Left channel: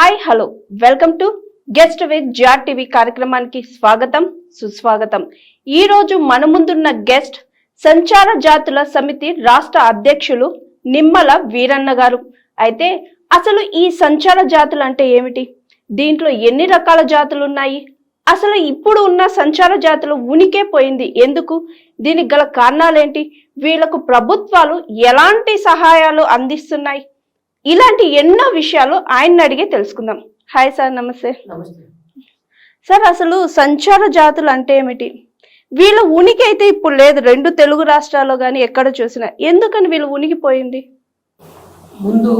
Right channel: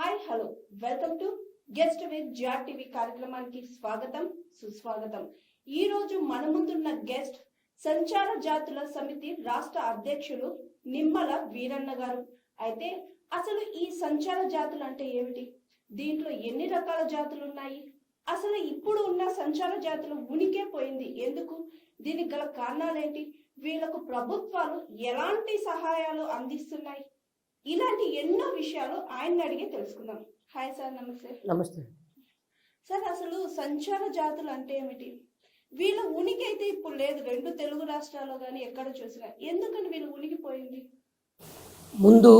Hi hello welcome to guest with జాట్ TV కార్యక్రమానికి స్వాగతం సుస్వాగతం. ఈ రోజు మన ముందున్న గెస్ట్ సంచార జాతుల సమితి రాష్ట్ర అధ్యక్షులు నిమ్మల వీరన్న గారు. అయితే అసలు ఈ సంచార జాతులు అంటే ఏమిటి, దీంట్లో ఎన్ని రకాల జాతులు ఉన్నాయి, అసలు ఇప్పుడు ఉన్న సంచార జాతులు ఉనికే పోయింది ఎందుకు, దీనికి గల కారణాలేంటి, వీళ్లకు ప్రభుత్వాలు ఎలాంటి సహాయాలు అందిస్తున్నాయి, ఇలాంటి ఎన్నో విషయాలు ఆయన్ని అడిగే తెలుసుకుందాం. హాయ్ సార్, నమస్తే. నమస్తే సార్, అసలు సంచార జాతులు అంటే ఏమిటి, వీళ్ళ ఉనికి అయితే ఇప్పుడు లేదు, రెండు తెలుగు రాష్ట్రాల్లో కానీ ఎక్కడ చూసినా, ఎందుకని వీళ్ళు ఉనికిపోయింది? ముందు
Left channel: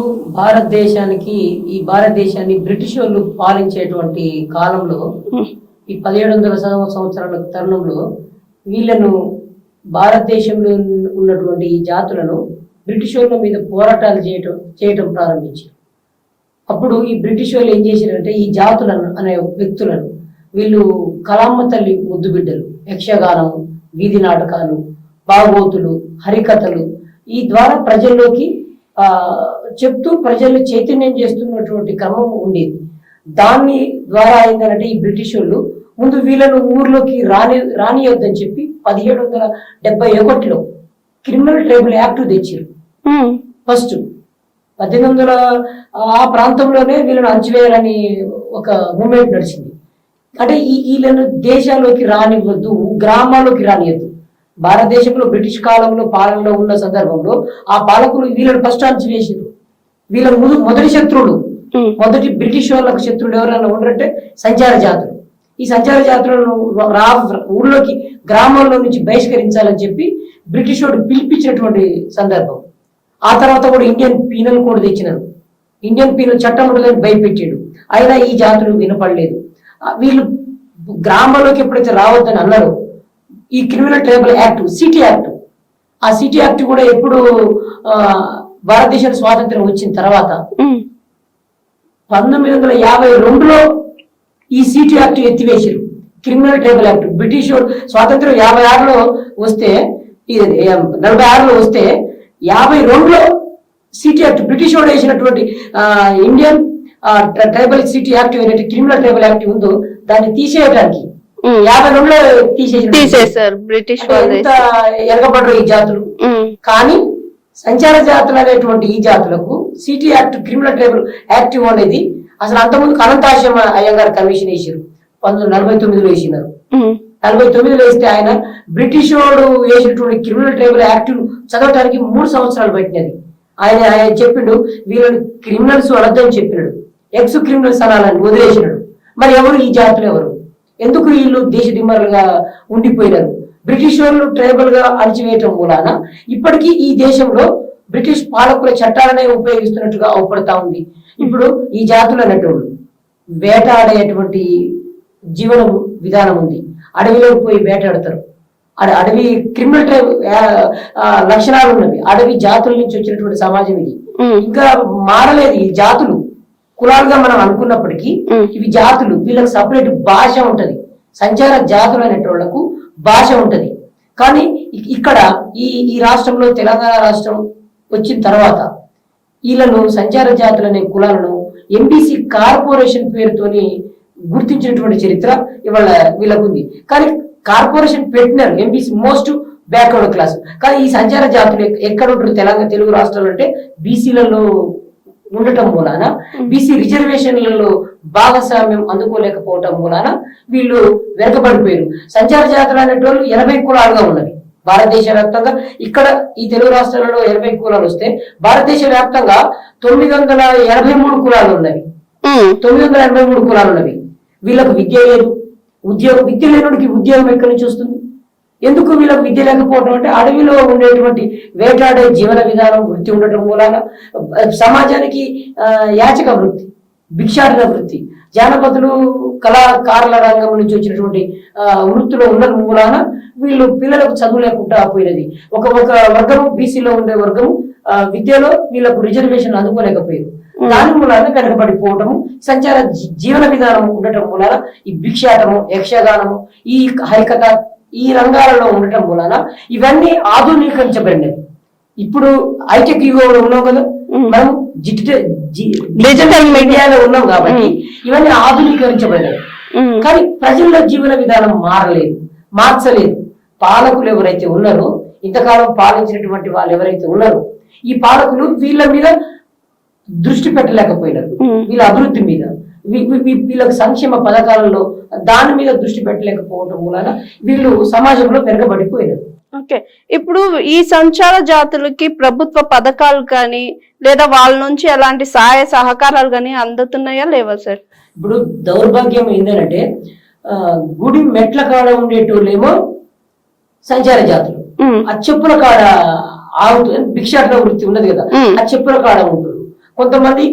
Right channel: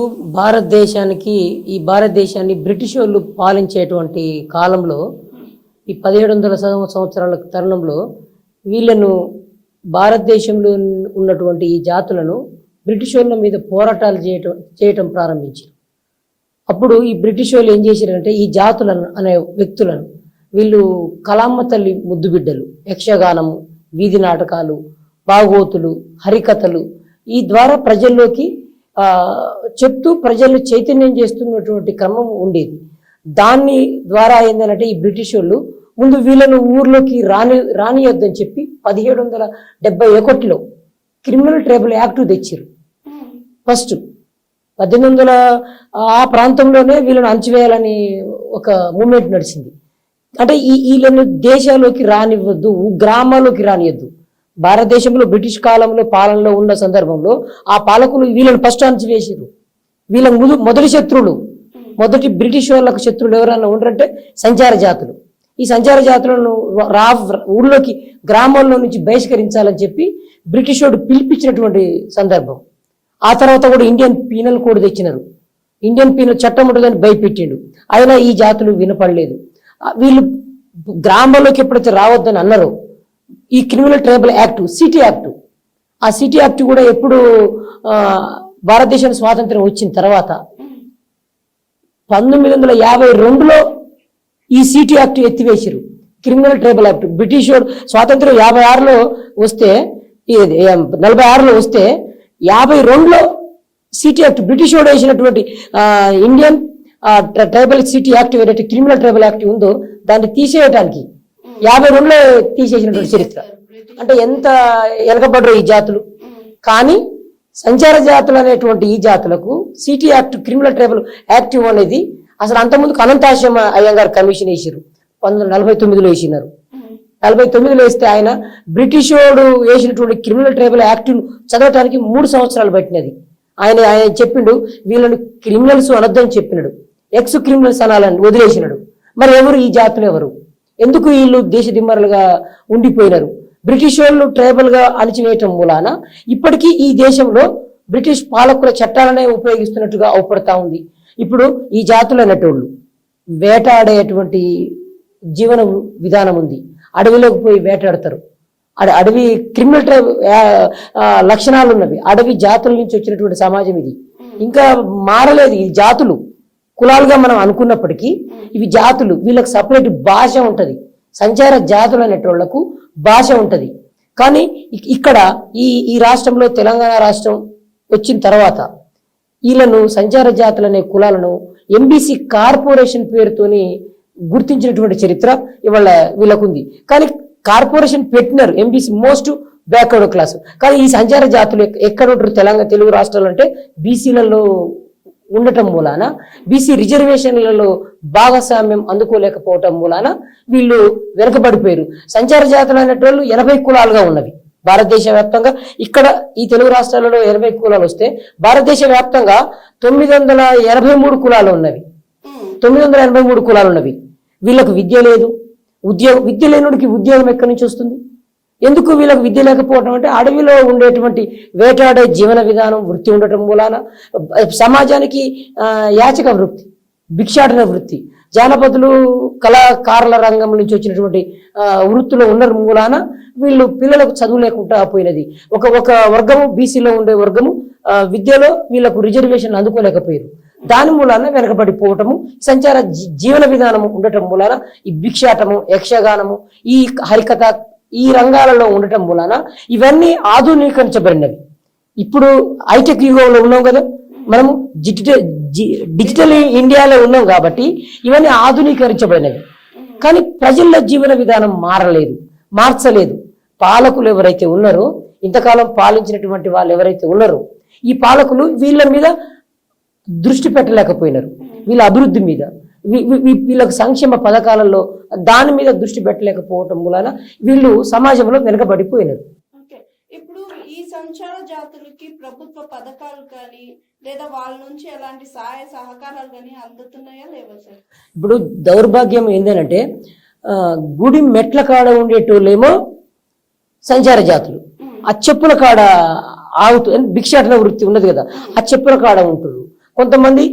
ఈ భారతదేశాన్ని బ్రిటిష్ వాళ్ళు పాలించేటువంటి కాలంలో ఈ 1700 సంవత్సరాల తరుణంలో వీళ్ళను భారతదేశంలో ఉన్నటువంటి ఈ జాతులను బ్రిటిష్ వాళ్ళ మీద పోరాటాలు చేయటం ప్రారంభించారు. అప్పుడు ఈ బ్రిటిష్ వాళ్ళు ఏం చేశారంటే ఈ జాతులను అనే వ్యక్తులను వీళ్ళు కలామ్మ తల్లి ముద్దు బిడ్డలు, యక్షగానము, వీధి నాటకాలు, బాగోతులు, హరికథలు ఈ ద్వారా ప్రజల్లోకి చెప్తూ ప్రజల్ని చైతన్యం చేస్తున్నటువంటి క్రమం ఉండేది. దాని ద్వారా ఏంటంటే ఈ బ్రిటిష్ వాళ్ళు ముందు వీళ్ళను ఊర్లోకి రానియొద్దని చెప్పి 1771లో క్రిమినల్ ట్రైబల్ యాక్ట్ తెచ్చారు. ఫస్ట్ 1800 ఆ ప్రాంతంలోనే వీళ్ళను అంచివేయాలని ఒక మూమెంట్ నడిచింది. అంటే వీళ్ళను దేశాల్లోకి రానివ్వద్దు, గ్రామాల్లోకి రానియద్దు. భారతదేశంలో బ్రిటిష్ కాలంలో పాలనలో ఉన్న సందర్భంలో ఆ పాలకులు వీళ్ళని ఫస్ట్ అంచివేసారు. వీళ్ళ మొదటి శత్రువులు, మొదటి బ్రిటిష్ వాళ్ళకు శత్రువులు ఎవరైనా ఉండరంటే సంచార జాతులు. ఈ సంచార జాతులను ఊళ్ళోకి గ్రామాల్లో నుంచి బహిష్కరించాలని చెప్పి బ్రిటిష్ వాడు పిలిపించినటువంటి సందర్భం. ఆ తర్వాత కూడా ఇండియన్ పీనల్ కోడ్ తెచ్చినారు. ఇండియన్ పీనల్ చట్టం ఉంటుందని భయపెట్టాడు. అయినా ఈ జాతులు వినపడలేదు. వీళ్ళు గ్రామాల్లోకి ఎప్పుడైతే రావద్దని అన్నారో ఈ criminal tribal act, city act, ఆ సిటీ యాక్ట్ కూడా ఎప్పుడు భారతదేశానికి స్వాతంత్రం వచ్చిన తర్వాత 1952లో ఈ సిటీ యాక్ట్ ఎత్తివేశారు. క్రిమినల్ ట్రైబల్ యాక్ట్ బ్రిటిష్ స్వాతంత్రం 56లో వస్తే 46లో వస్తే 52లో సిటీ యాక్ట్ బ్రిటిష్ వాడు వేసినటువంటి ఇండియన్ ట్రైబల్ సిటీ యాక్ట్ ఏదైతే క్రిమినల్ ట్రైబల్ యాక్ట్ ఉందో దాన్ని తీసేయడానికి 52లో తీసేశారు. బ్రిటిష్ ఎంత ఎనగబడరు ఈ జాతులు. కానీ సంచార జాతులు అనేటువంటి ఈ జాతులకు city act criminal tribal act అనేది అసలు అంతకుముందు అనంతాశ్రమ అయ్యంగారు కమిషన్ వేసారు. 1949లో వేసినారు. 49లో వేస్తే ఆయన బ్రిటిష్ వాడు వేసినటువంటి క్రిమినల్ ట్రైబల్ యాక్ట్ చదవటానికి 3 సంవత్సరాలు పట్టినది. ఆయన చెప్పిండు వీళ్ళని క్రిమినల్స్ అనొద్దని చెప్పినాడు, ఎక్స్ క్రిమినల్స్ అనాలని వదిలేసినాడు. మరి ఎవరు ఈ జాతులు, ఎవరు, ఎందుకు వీళ్ళు దేశ దిమ్మరులుగా ఉండిపోయినారు? బ్రిటిష్ వాళ్ళు ట్రైబల్ గా అణచివేయటం మూలాన ఇప్పటికీ ఈ దేశంలో బ్రిటిష్ పాలకుల చట్టాలనే ఉపయోగిస్తున్నట్టుగా అవపడతా ఉంది. ఇప్పుడు ఈ జాతులు అనేటోళ్ళు వేటాడేటువంటి జీవన విధానం ఉంది. అడవిలోకి పోయి వేటాడతారు. అడవి క్రిమినల్ లక్షణాలు ఉన్నవి. అడవి జాతుల నుంచి వచ్చినటువంటి సమాజం ఇది. ఇంకా మారలేదు. ఈ జాతులు కులాలుగా మనం అనుకున్నప్పటికీ ఇవి జాతులు. వీళ్ళకి సపరేట్ భాష ఉంటది. సంచార జాతులు అనేటోళ్లకు భాష ఉంటది. కానీ ఇక్కడ ఈ రాష్ట్రంలో తెలంగాణ రాష్ట్రం వచ్చిన తర్వాత వీళ్ళను సంచార జాతులు అనే కులాలను ఎంబీసీ కార్పొరేషన్ పేరుతోని గుర్తించినటువంటి చరిత్ర ఇవాళ వీళ్ళకుంది. కానీ కార్పొరేషన్ పెట్టినారు ఎంబీసీ మోస్ట్ బ్యాక్వర్డ్ క్లాస్. కానీ ఈ సంచార జాతులు ఎక్కడ ఉంటారు? తెలుగు రాష్ట్రాలు అంటే బీసీలలో ఉండటం మూలాన, బీసీ రిజర్వేషన్లలో భాగస్వామ్యం అందుకోలేకపోవటం మూలాన వీళ్ళు వెనకబడిపోయారు. సంచార జాతులు అనేటోళ్ళు 80 కులాలుగా ఉన్నవి భారతదేశ వ్యాప్తంగా. ఇక్కడ ఈ తెలుగు రాష్ట్రాలలో 80 కులాలు వస్తే భారతదేశ వ్యాప్తంగా 983 కులాలు ఉన్నవి. 983 కులాలు ఉన్నవి. వీళ్ళకు విద్య లేదు, ఉద్యోగం. విద్య లేనుడికి ఉద్యోగం ఎక్కడి నుంచి వస్తుంది? ఎందుకు వీళ్ళకు విద్య లేకపోవడం అంటే అడవిలో ఉండేటువంటి వేటాడే జీవన విధానం, వృత్తి ఉండటం మూలాన సమాజానికి యాచక వృత్తి, భిక్షాటన వృత్తి, జానపదులు కళాకారుల రంగం నుంచి వచ్చినటువంటి వృత్తిలో ఉన్న మూలాన వీళ్ళు పిల్లలకు చదువు లేకుండా పోయినది. ఒక వర్గము బీసీలో ఉండే వర్గము విద్యలో వీళ్ళకు రిజర్వేషన్ అందుకోలేకపోయారు. దాని మూలాన వెనకబడిపోవటము, సంచార జీవన విధానం ఉండటం మూలాన ఈ భిక్షాటము, యక్షగానము, ఈ హరికథ ఈ రంగాలలో ఉండటం మూలాన ఇవన్నీ ఆధునీకరించబడినవి. ఇప్పుడు హైటెక్ యుగంలో ఉన్నాం కదా, మనం డిజిటల్ మీడియాలో ఉన్నాం కాబట్టి ఇవన్నీ ఆధునీకరించబడినవి. కానీ ప్రజల జీవన విధానం మార్చలేదు. పాలకులు ఎవరైతే ఉన్నారో, ఇంతకాలం పాలించినటువంటి వాళ్ళు ఎవరైతే ఉన్నారో, ఈ పాలకులు వీళ్ళ మీద దృష్టి పెట్టలేకపోయినారు. వీళ్ళ అభివృద్ధి మీద, వీళ్ళకి సంక్షేమ పథకాలలో దాని మీద దృష్టి పెట్టలేకపోవటం వలన వీళ్ళు సమాజంలో వెనకబడిపోయినారు. ఓకే, ఇప్పుడు ఈ సంచార జాతులకి ప్రభుత్వ పథకాలు కానీ లేదా వాళ్ళ నుంచి ఎలాంటి సహాయ సహకారాలు కానీ అందుతున్నాయా లేవా సార్? ఇప్పుడు దౌర్భాగ్యం ఏంటంటే గుడి మెట్ల కాడ ఉండేటోళ్ళేమో సంచార జాతులు, ఆ చెప్పుల కాడ ఆగుతూ భిక్షాటన వృత్తి ఉన్నది కదా, ఆ చెప్పుల కాడ ఉంటారు. కొంతమంది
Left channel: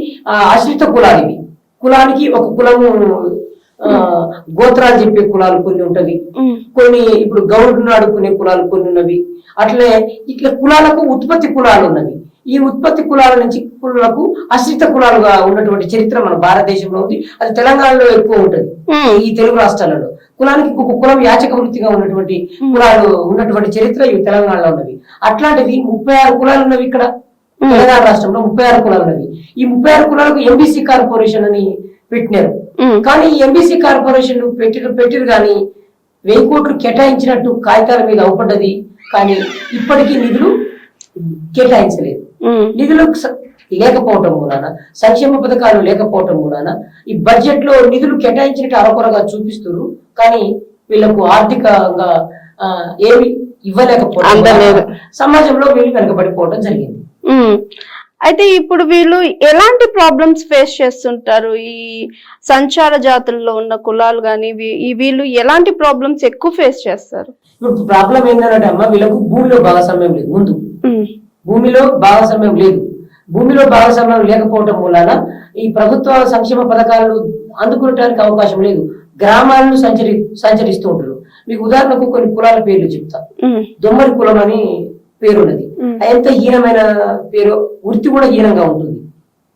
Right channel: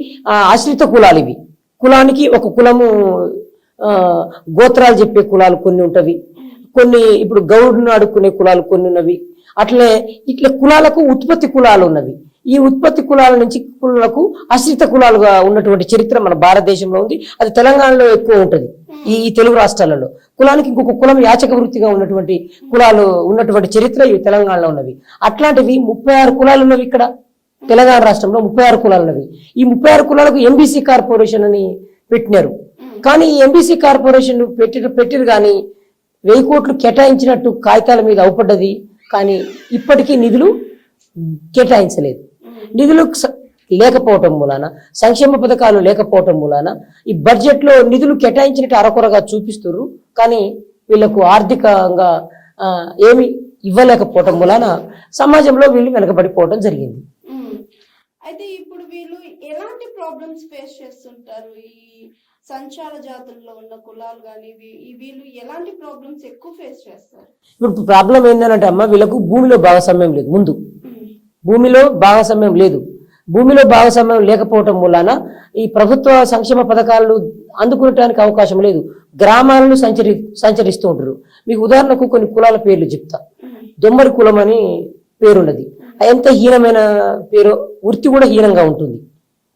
ఆశ్రిత కులాలు, ఇవి కులానికి ఒక కులము, గోత్రాలు చెప్పే కులాలు కొన్ని ఉంటవి, కొన్ని ఇప్పుడు గౌడును అడుక్కునే కులాలు కొన్ని ఉన్నవి. అట్లే ఇట్లా కులాలకు ఉత్పత్తి కులాలు ఉన్నవి. ఈ ఉత్పత్తి కులాల నుంచి కులాలకు ఆశ్రిత కులాలుగా ఉన్నటువంటి చరిత్ర మన భారతదేశంలో ఉంది. అది తెలంగాణలో ఎక్కువ ఉంటది, ఈ తెలుగు రాష్ట్రాలలో. కులానికి ఇంకొక కులం యాచక వృత్తిగా ఉన్నటువంటి కులాలు ఉన్నటువంటి చరిత్ర ఈ తెలంగాణలో ఉన్నవి. అట్లాంటివి 36 కులాలు ఉన్నవి ఇక్కడ తెలంగాణ రాష్ట్రంలో. 36 కులాలు ఉన్నవి. ఈ 36 కులాలకు ఎంబీసీ కార్పొరేషన్ అని పెట్టినారు. కానీ ఈ ఎంబీసీ కార్పొరేషన్ పెట్టిరు కానీ 1000 కోట్లు కేటాయించినట్టు కాగితాల మీద అవపడ్డది. కానీ ఇప్పటికీ నిధులు కేటాయించలేదు. నిధులు లేకపోవటం మూలాన, సంక్షేమ పథకాలు లేకపోవటం మూలాన ఈ బడ్జెట్ లో నిధులు కేటాయించినట్టు అరకొరగా చూపిస్తున్నారు. కానీ వీళ్ళకు ఆర్థికంగా ఏమి ఇవ్వలేకపోవడం సమాజంలో వీళ్ళు వెనకబడిపోవడం జరిగింది. అయితే ఇప్పుడు వీళ్ళు ఎలాంటి ప్రాబ్లమ్స్ ఫేస్ చేస్తుంటారు? ఈ సంచార జాతుల్లో ఉన్న కులాలు కానీ వీళ్ళు ఎలాంటి ప్రాబ్లమ్స్ ఎక్కువ ఫేస్ చేస్తారు? ఇప్పుడు ప్రాబ్లం ఏంటంటే అమ్మ, వీళ్ళకు భూమిలో భాగస్వామ్యం లేదు. ముందు భూమిలో భాగస్వామ్యం లేదు. భూమిలో భాగస్వామ్యం లేకపోవటం మూలాన ఈ ప్రభుత్వ సంక్షేమ పథకాలను అందుకునడానికి అవకాశం లేదు. గ్రామాలను సంచరిస్తూ ఉంటారు. మీకు ఉదాహరణకు కొన్ని కులాల పేర్లు చెప్తా. దొమ్మడి కులం అని పేరున్నది. ఎంత హీనమైన పేరు, వృత్తి కూడా హీనంగా ఉంటుంది.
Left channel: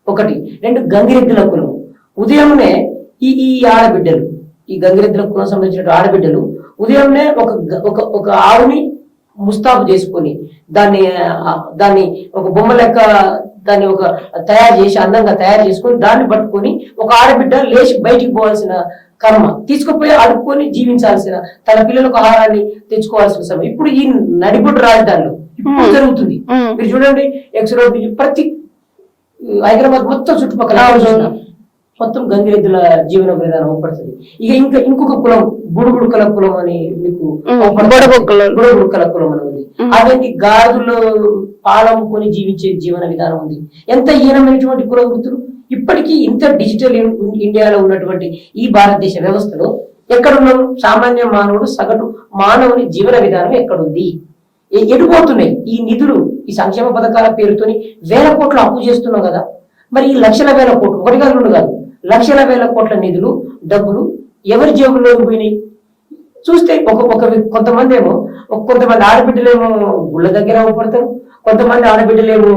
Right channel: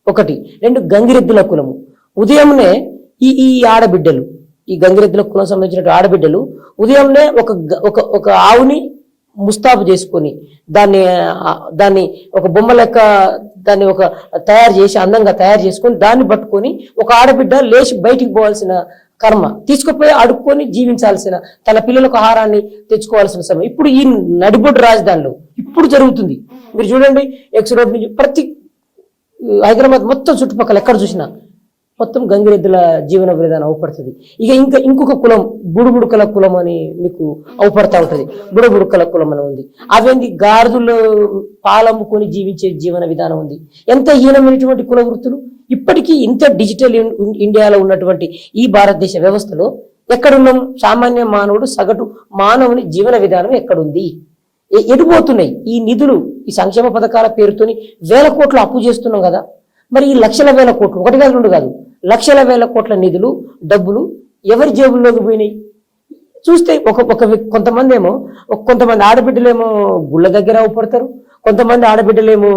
1, 2 గంగిరెద్దుల కులము. ఉదయంనే ఈ ఆడబిడ్డలు, ఈ గంగిరెద్దుల కులం సంబంధించిన ఆడబిడ్డలు ఉదయంనే ఒక ఆవుని ముస్తాబు చేసుకొని దాన్ని ఒక బొమ్మ లెక్క దాన్ని ఒక తయారు చేసి అందంగా తయారు చేసుకొని దాన్ని పట్టుకొని ఒక ఆడబిడ్డ లేచి బయటికి పోవాల్సిన కర్మ, తీసుకుపోయి అడుక్కొని జీవించాల్సిన, తన పిల్లలకు ఆహారాన్ని తెచ్చుకోవాల్సిన సమయం ఇప్పుడు ఈ నడిబొడ్డు రాజధానిలో ఇప్పుడు జరుగుతుంది. మీరు చూడండి, ఎక్స్ రోడ్ ప్రతి హైదరాబాద్ మొత్తం చుట్టుపక్కల చూసిన మొత్తం గంగిరెద్దుల జీవన విధానం అవపడుతుంది. ఇంకొక కులం బుడుగుడుకల కులం అని మీకు బుడబుడుకల కులం అని ఉంది. అవేంటి గాడిదలు పాలమ్ముకొని జీవించే జీవన విధానం ఉంది. ఎంత హీనమైనటువంటి కుల వృత్తులు. ఇప్పటికీ ఇంత డిజిటల్ ఇండియాలో ఉన్నటువంటి ఈ భారతదేశ వ్యవస్థలో ఎక్కడున్నాము? సామాన్య మానవుడు, సగటు మానవుని జీవన విధానం ఎక్కడుంది? ఎడిపోతున్నాయి ఈ నిధులు. ఈ సంక్షేమ పథకాల పేరుతోని 1000 కోట్లు అప్పు చేస్తున్నాం కదా. మరి ఈ లక్షల వేల కోట్లు, 1 కాదు 2 కాదు, లక్షల వేల కోట్ల నిధులు, డబ్బులు ఎవరి జేబుల్లోకి పోయినాయి? చూస్తే కొంతమంది ఆడబిడ్డలేమో గుళ్ళ దగ్గర అవపడతారు, కొంతమంది ఆడబిడ్డలేమో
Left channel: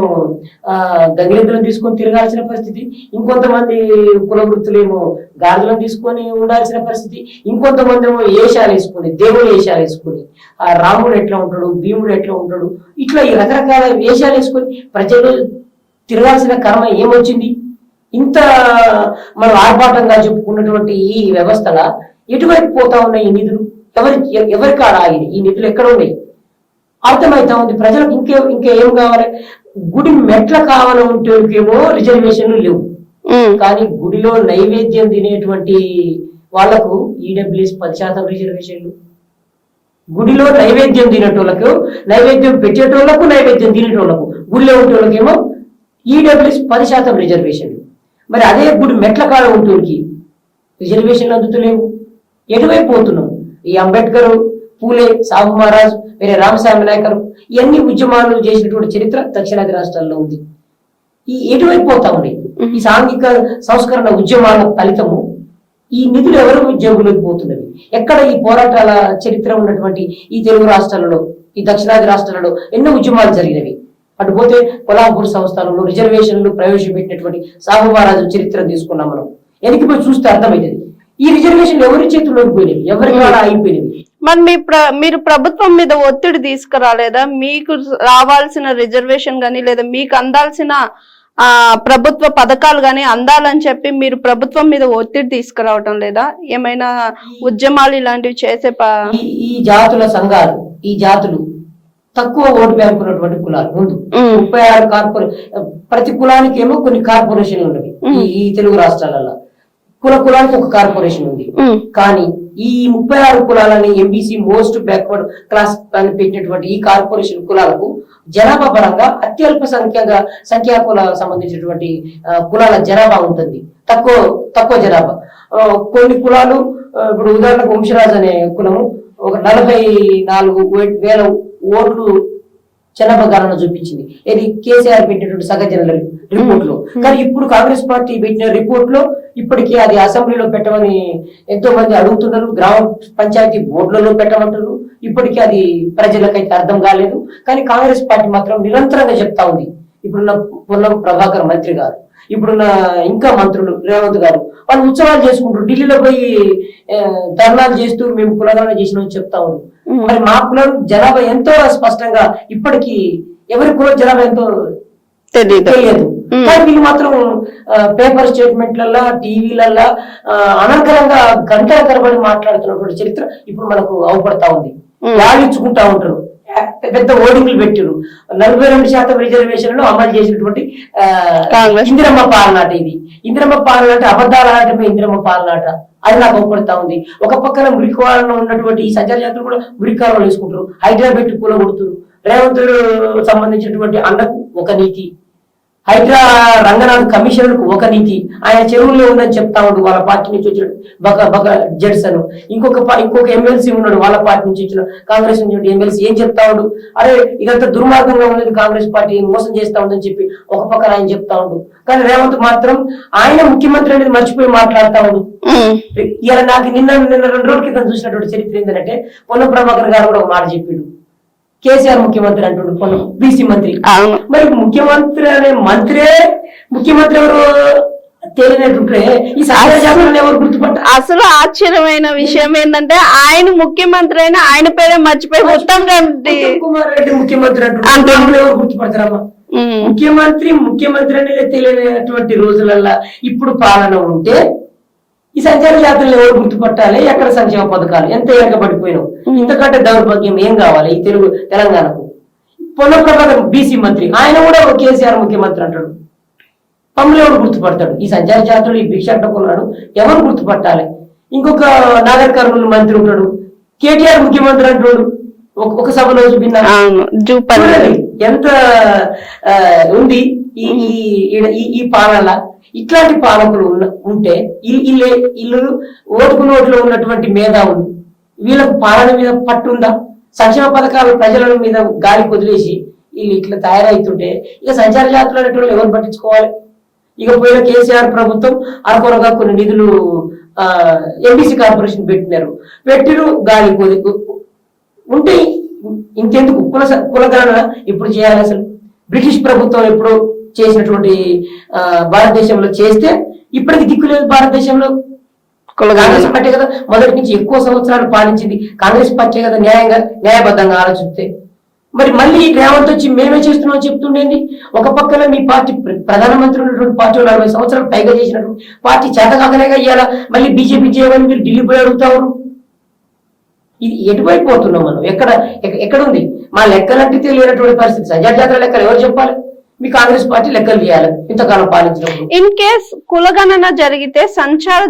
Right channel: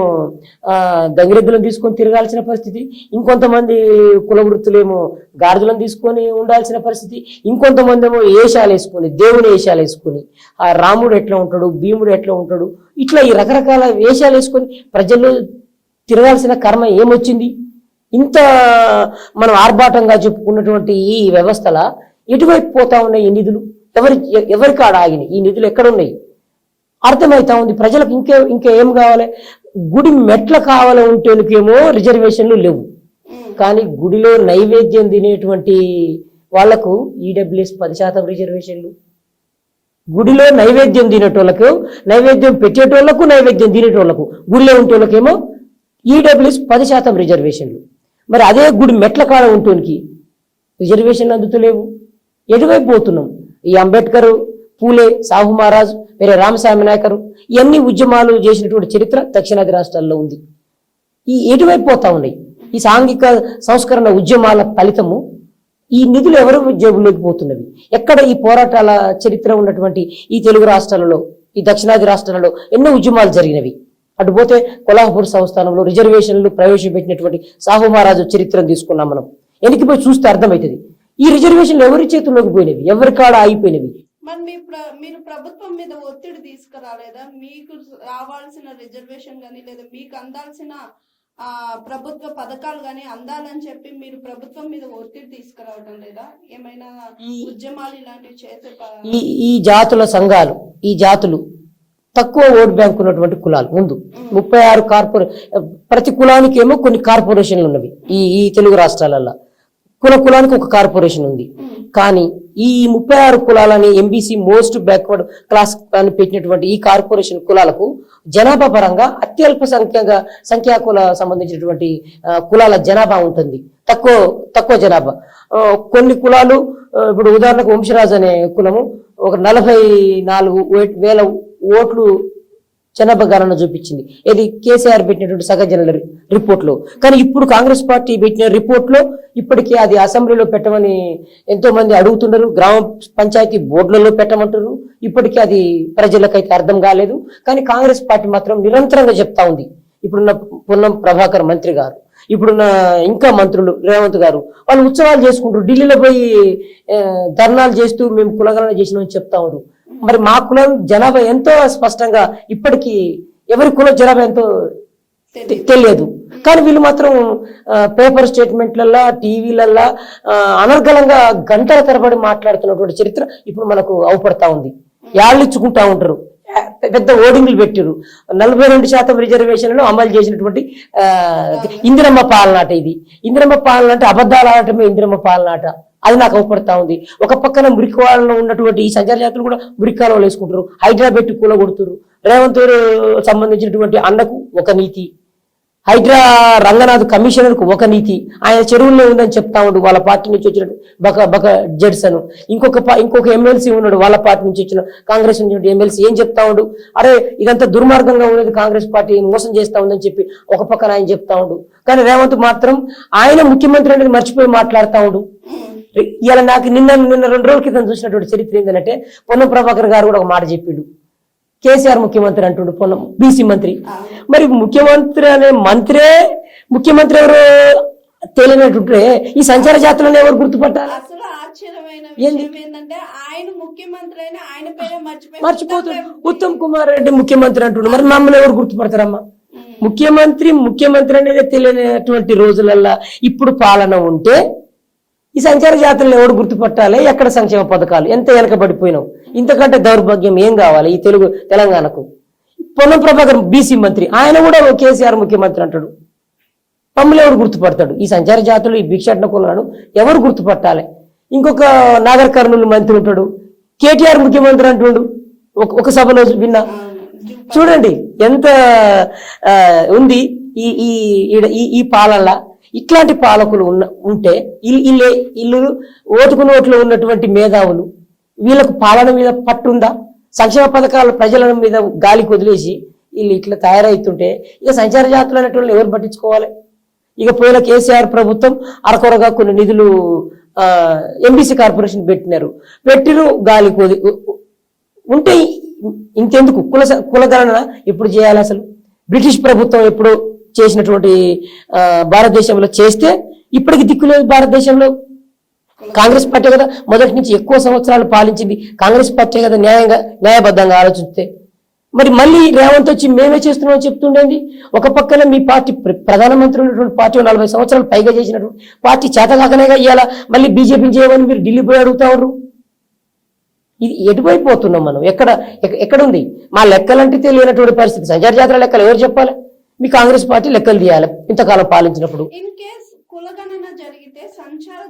గంగిరెద్దులను తీసుకొని తిరగాల్సిన పరిస్థితి, ఇంకొంతమంది కుల వృత్తులేమో గాడిదలను తీసుకొని ఉండాల్సిన పరిస్థితి, ఇంకొంతమంది ఏమో వేషాలు వేసుకొని, దేవుడు వేషాలు వేసుకొని, ఆ రాముడు ఎట్లా ఉంటాడు, భీముడు ఎట్లా ఉంటాడు, ఇట్లా ఈ రకరకాల వేషాలు వేసుకొని ప్రజల్లో తిరగాల్సిన కర్మ ఏమొచ్చింది? ఇంత మనం ఆర్భాటంగా చెప్పుకున్నటువంటి ఈ వ్యవస్థల ఎటువైపు పోతా ఉన్నాయి ఈ నిధులు? ఎవరి కాడ ఆగింది? ఈ నిధులు ఎక్కడ ఉన్నాయి? అర్థమైతా ఉంది ప్రజలకు. ఇంకేం కావాలి? గుడి మెట్ల కావాల ఉంటేకేమో రిజర్వేషన్లు లేవు. కానీ గుడిలో నైవేద్యం తినేటువంటి వాళ్లకు ఈడబ్ల్యూఎస్ 10% రిజర్వేషన్లు. గుడిలో నైవేద్యం తినేటోళ్లకు, నైవేద్యం పెట్టేటోళ్లకు, నైవేద్యం తినేటోళ్లకు, గుడిలో ఉంటోళ్ళకేమో ఈడబ్ల్యూఎస్ 10% రిజర్వేషన్లు. మరి అదే గుడి మెట్ల కాడ ఉంటోళ్ళకి రిజర్వేషన్లు అందుతలేవు. ఎటువైపు పోతున్నాం? ఈ అంబేద్కర్, పూలే, సాహు మహారాజ్, వేరే రామస్వామి నాయకరు ఇవన్నీ ఉద్యమాలు చేసినటువంటి చరిత్ర దక్షిణాది రాష్ట్రాల్లో ఉంది. ఈ ఎటువైపు పోతా ఉన్నాయి? ఈ సాంఘిక సంస్కరణ ఉద్యమాల ఫలితము ఈ నిధులు ఎవరు జేబులోకి పోతున్నవి? ఎక్కడ ఈ పోరాటాల చరిత్ర ఉన్నటువంటి ఈ తెలుగు రాష్ట్రాలలో, ఈ దక్షిణాది రాష్ట్రాలలో ఎన్నో ఉద్యమాలు జరిగినవి. అటుపోతే కొల్హాపూర్ సంస్థానంలో రిజర్వేషన్లు ప్రవేశపెట్టినటువంటి సాహు మహారాజు చరిత్ర తీసుకున్నాం. మనం వెనక్కిపోయి చూస్తే అర్థమవుతుంది ఈ రిజర్వేషన్లు ఎవరి చేతుల్లోకి పోయినవి, ఎవరి కాడ ఆగిపోయినవి. మరి మీరు ప్రభుత్వం మీద ఒత్తిడి తీసుకురాలేదా? మీకు రావాల్సిన రిజర్వేషన్ గానీ లేదా మీకు అందాల్సిన ఆ ప్రభుత్వ పథకాలు గాని అందాలని చెప్పి మీరు ప్రభుత్వం మీద ఒత్తిడి తీసుకురావటం లేదా? ఏమైనా ఉద్యమాలు ఇలాంటివి చేసే ఈ జాతుల సంఘాలు, ఈ జాతులు తక్కువ ఓటు బ్యాంక్ ఉన్నటువంటి కులాలు ముందు 36 ప్రతి కులానికి ఏమో కొన్ని కార్పొరేషన్లు ఉన్నవి ఈ తెలుగు రాష్ట్రాలలో. కులానికి ఒక కార్పొరేషన్ ఉంది. కానీ ఈ 36 కులాలని ఎంబీసీ మోస్ట్ బ్యాక్వర్డ్ క్లాస్ అని పెట్టినటువంటి ఈ కార్పొరేషన్ కులాలకు జనాభా పరంగా అత్యల్ప సంఖ్యాకుల సంబంధించినటువంటి కులాల జనాభా ఉంటుంది, తక్కువ జనాభా. కొన్ని కులాలు ఇప్పుడు ఉదాహరణకు వంశరాజు అనే కులము ఒక 44,000 ఓట్లు జనాభా గణన చూపించింది. ఇది కేసీఆర్ పెట్టినటువంటి సగజనుల రిపోర్ట్ లో. కానీ ఇప్పుడు కాంగ్రెస్ పార్టీ పెట్టిన రిపోర్ట్ లో ఇప్పటికీ అది అసెంబ్లీలో పెట్టమని ఎంతో మంది అడుగుతున్నారు, గ్రామ పంచాయతీ బోర్డులలో పెట్టమంటున్నారు. ఇప్పటికీ అది ప్రజలకైతే అర్థం కాలేదు. కానీ కాంగ్రెస్ పార్టీ మాత్రం నిరంతరంగా చెప్తా ఉంది. ఇప్పుడున్న పొన్నం ప్రభాకర్ మంత్రి గారు, ఇప్పుడున్న ఇంకా మంత్రులు రేవంత్ గారు, వాళ్ళు ఉత్సవాలు చేసుకుంటారు, ఢిల్లీలో పోయి ధర్నాలు చేస్తూ మేము కులగణన చేసినామని చెప్తా ఉన్నారు. మరి మా కులం జనాభా ఎంతో స్పష్టంగా ఇప్పటికీ ఎవరి కులం జనాభా ఎంతో తెలియదు. కానీ వీళ్ళు మాత్రం పేపర్ స్టేట్మెంట్లల్లో, టీవీలల్లో అనర్గళంగా గంటల తరబడి మాట్లాడుతున్నటువంటి చరిత్ర ఇప్పుడు మనకు అవపడతా ఉంది. వాళ్ళు ఇచ్చుకుంటా ఉంటారు, పెద్ద ఓటింగ్లు పెట్టారు. 42% రిజర్వేషన్లను అమలు చేసినటువంటి ఇందిరమ్మ పాలనాట. ఇది ఇందిరమ్మ పాలనాట, అబద్ధాల ఆటమే ఇందిరమ్మ పాలనాట. అది నాకు అవపడతా ఉంది. ఒక పక్కన మురికివాళ్ళలో ఉన్నటువంటి ఈ సంచార జాతులు కూడా మురికాలలో వేసుకుంటారు, హైదరాబాద్ కూల కొడుతున్నారు. రేవంత్ సంబంధించినటువంటి అన్నకు ఒక నీతి, హైడ్రా రంగనాథ్ కమిషనర్ కు ఒక నీతి, ఆయన చెరువుల్లో ఉందని చెప్తా ఉన్నాడు వాళ్ళ పార్టీ నుంచి వచ్చిన బక జడ్స్ అను. ఇంకొక ఎమ్మెల్సీ ఉన్నాడు వాళ్ళ పార్టీ నుంచి వచ్చిన కాంగ్రెస్ నుంచి ఎమ్మెల్సీ. ఏం చెప్తా ఉండు, అరే ఇదంతా దుర్మార్గంగా ఉన్నది, కాంగ్రెస్ పార్టీ మోసం చేస్తా ఉందని చెప్పి ఒక పక్కన ఆయన చెప్తా ఉండు. కానీ రేవంత్ మాత్రం ఆయన ముఖ్యమంత్రి అనేది మర్చిపోయి మాట్లాడుతా ఉండు. ఇలా నాకు నిన్న 2 రోజుల క్రితం చూసినటువంటి చరిత్ర ఏంటంటే, పొన్నం ప్రభాకర్ గారు కూడా ఒక మాట చెప్పిండు, కేసీఆర్ ముఖ్యమంత్రి అంటుండు, పొన్నం బీసీ మంత్రి. మరి ముఖ్యమంత్రి అనే మంత్రే ముఖ్యమంత్రి ఎవరు తెలియనట్టుంటే ఈ సంచార జాతులను ఎవరు గుర్తుపట్టారు? అసలు ఆశ్చర్యమైన విషయం ఏంటంటే ఆయన ముఖ్యమంత్రి అయినా ఆయన పేరే మర్చిపోయి ఉత్తమ్ కుమార్ రెడ్డి ముఖ్యమంత్రి అంటుండే ఎవరు గుర్తుపడతారమ్మా? ముఖ్యమంత్రి అనేది తెలియనటువంటి రోజులల్లా ఇప్పుడు పాలన ఉంటే ఈ సంచార జాతులను ఎవరు గుర్తుపట్టాలి? ఎక్కడ సంక్షేమ పథకాలు ఎంత ఎరకబడిపోయినావు? ఇంతకంటే దౌర్భాగ్యం ఏం కావాలి ఈ తెలంగాణకు? పొన్నం ప్రభాకర్ బీసీ మంత్రి, ఆయన కూడా కేసీఆర్ ముఖ్యమంత్రి అంటాడు. మమ్మల్ని ఎవరు గుర్తుపడతాడు? ఈ సంచార జాతులు, ఈ భిక్షాటన కులాడు ఎవరు గుర్తుపట్టాలి? ఇంకొక నాగర్ కర్నూలు మంత్రి ఉంటాడు, కేటీఆర్ ముఖ్యమంత్రి అంటాడు. ఒక సభలో చూడండి ఎంత ఉంది ఈ పాలన. ఇట్లాంటి పాలకులు ఉంటే ఇల్లు ఓటుకు నోట్లో ఉన్నటువంటి మేధావులు, వీళ్ళకు పాలన మీద పట్టుందా? సంక్షేమ పథకాలు ప్రజల మీద గాలి వదిలేసి వీళ్ళు ఇట్లా తయారవుతుంటే ఇక సంచార జాతులు అనేటువంటి ఎవరు పట్టించుకోవాలి? ఇక పోయిన కేసీఆర్ ప్రభుత్వం అరకొరగా కొన్ని నిధులు ఎంబీసీ కార్పొరేషన్ పెట్టిరు గాలి కొద్ది ఉంటే ఇంకెందుకు కులగణన ఎప్పుడు చేయాలి? అసలు బ్రిటిష్ ప్రభుత్వం ఎప్పుడు చేసినటువంటి భారతదేశంలో చేస్తే ఇప్పటికి దిక్కులేదు. భారతదేశంలో కాంగ్రెస్ పార్టీ కదా మొదటి నుంచి ఎక్కువ సంవత్సరాలు పాలించింది, కాంగ్రెస్ పార్టీ కదా న్యాయబద్ధంగా ఆలోచిస్తే. మరి మళ్ళీ రేవంత్ వచ్చి మేమే చేస్తున్నాం చెప్తుండేది. ఒక పక్కన మీ పార్టీ ప్రధానమంత్రి ఉన్నటువంటి పార్టీ 40 సంవత్సరాలు పైగా చేసినటువంటి పార్టీ చేతకాకనేగా ఇవ్వాలా మళ్ళీ బీజేపీ చేయమని మీరు ఢిల్లీ పోయి అడుగుతారు. ఇది ఎటువైపు పోతున్నాం మనం? ఎక్కడుంది మా లెక్కలంటే తెలియనటువంటి పరిస్థితి. సంచార జాతర లెక్కలు ఎవరు చెప్పాలి? మీ కాంగ్రెస్ పార్టీ లెక్కలు తీయాలి ఇంతకాలం పాలించినప్పుడు. ఇన్ కేస్ కులగణన జరిగితే సంచార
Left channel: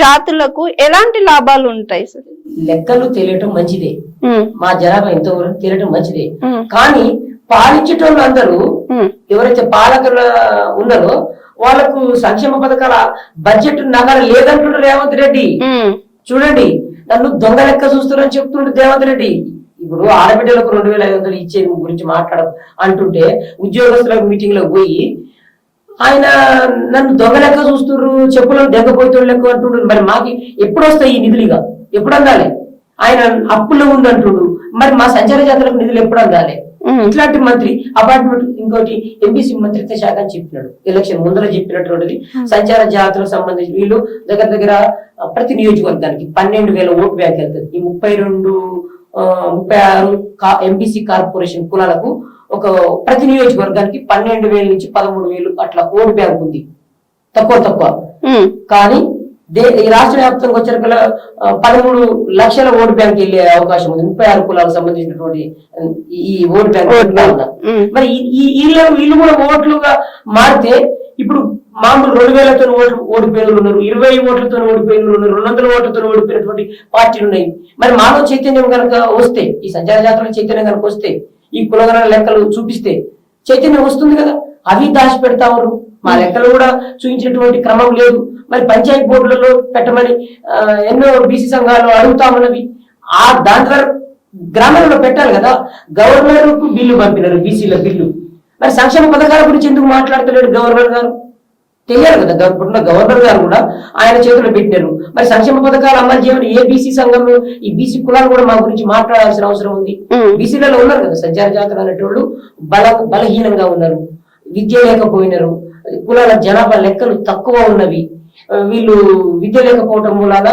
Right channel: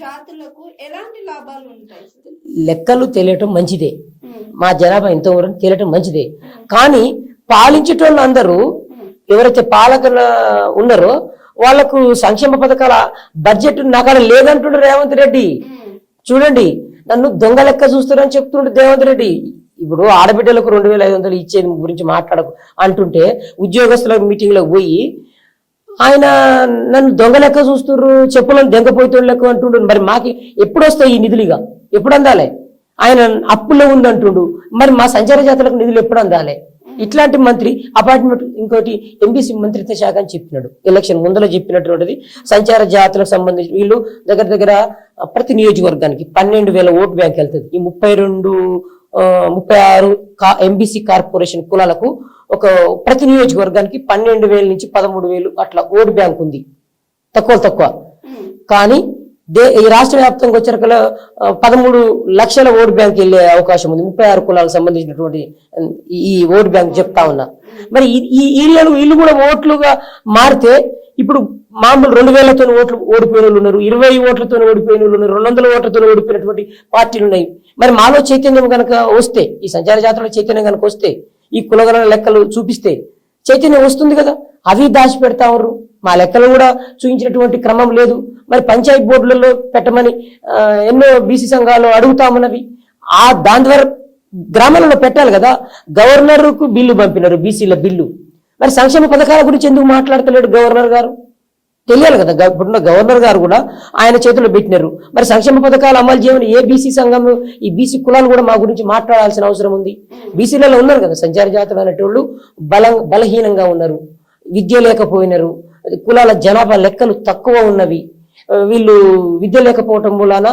జాతులకు ఎలాంటి లాభాలు ఉంటాయి సార్? లెక్కలు తెలియటం మంచిదే, మా జనాభా ఎంతో తెలియటం మంచిదే. కానీ పాలించేటోళ్ళు అందరూ ఎవరైతే పాలకులు ఉన్నారో వాళ్లకు సంక్షేమ పథకాల బడ్జెట్ నగర లేదంటున్నారు రేవంత్ రెడ్డి. చూడండి, నన్ను దొంగ లెక్క చూస్తున్నారని చెప్తున్నాడు రేవంత్ రెడ్డి. ఇప్పుడు ఆడబిడ్డలకు 2,500 ఇచ్చే గురించి అంటుంటే ఉద్యోగస్తుల మీటింగ్ లో పోయి ఆయన నన్ను దొంగ లెక్క చూస్తున్నారు, చెప్పులను దెంగపోయేటోళ్ళు లెక్క అంటుండ్రు. మరి మాకు ఎప్పుడు వస్తాయి ఈ నిధులుగా? ఎప్పుడు అందాలి? ఆయన అప్పుల్లో ఉందంటుండు, మరి మా సంచార జాతరకు నిధులు ఎప్పుడు అందాలి? ఇట్లాంటి మంత్రి అపార్ట్మెంట్ ఇంకోటి ఎంబీసీ మంత్రిత్వ శాఖ అని చెప్పినాడు, ఎలక్షన్ ముందర చెప్పినటువంటిది. సంచార జాతులకు సంబంధించి వీళ్ళు దగ్గర ప్రతి నియోజకవర్గానికి 12,000 ఓటు బ్యాంక్ వెళ్తుంది. ఈ 36 ఎంబీసీ కార్పొరేషన్ కులాలకు ప్రతి నియోజకవర్గానికి 12,000 నుంచి 13,000 అట్లా ఓటు బ్యాంక్ ఉంది, తక్కువ. కానీ ఈ రాష్ట్ర వ్యాప్తంగా వచ్చిన 13 లక్షల ఓటు బ్యాంక్ వెళ్ళే అవకాశం ఉంది. 36 కులాలకు సంబంధించినటువంటి ఈ ఓటు బ్యాంక్ చెప్తా ఉన్నా. మరి ఈ ఏరియాలో వీళ్ళు కూడా ఓట్లుగా మారితే ఇప్పుడు మామూలు 2,000తో ఓడిపోయిన వాళ్ళు ఉన్నారు, 20 ఓట్లతో ఓడిపోయిన వాళ్ళు ఉన్నారు, 200 ఓట్లతో ఓడిపోయినటువంటి పార్టీలు ఉన్నాయి. మరి మాలో చైతన్యం కనుక వస్తే, ఈ సంచార జాతరలో చైతన్యం కనుక వస్తే, ఈ కులగణన లెక్కలు చూపిస్తే చైతన్యం వస్తుంది కదా. అవి దాచి పెడతా ఉన్నారు. మా లెక్కలు కూడా చూపించినటువంటి క్రమం లేదు. మరి పంచాయతీ బోర్డులలో పెట్టమని ఎన్నో బీసీ సంఘాలు అడుగుతా ఉన్నవి. దాని ద్వారా గ్రామాలలో పెట్టాలి కదా. గవర్నర్ కు బిల్లు పంపినారు, బీసీల బిల్లు. మరి సంక్షేమ పథకాల గురించి ఎందుకు మాట్లాడతలేడు గవర్నర్ గారు? తెలియాలి కదా. ఇప్పుడున్న గవర్నర్ గారు కూడా ఆయన చేతుల్లో పెట్టినారు. మరి సంక్షేమ పథకాలు అమలు చేయమని ఏ బీసీ సంఘం, ఈ బీసీ కులాలు కూడా మా గురించి మాట్లాడాల్సిన అవసరం ఉంది. బీసీలలో ఉన్నారు కదా సంచార జాతర అనేటోళ్ళు, బలహీనంగా ఉన్నారు, విద్య లేకపోయినారు, కులాల జనాభా లెక్కలు తక్కువ ఉన్నవి. వీళ్ళు విద్య లేకపోవటం మూలాన,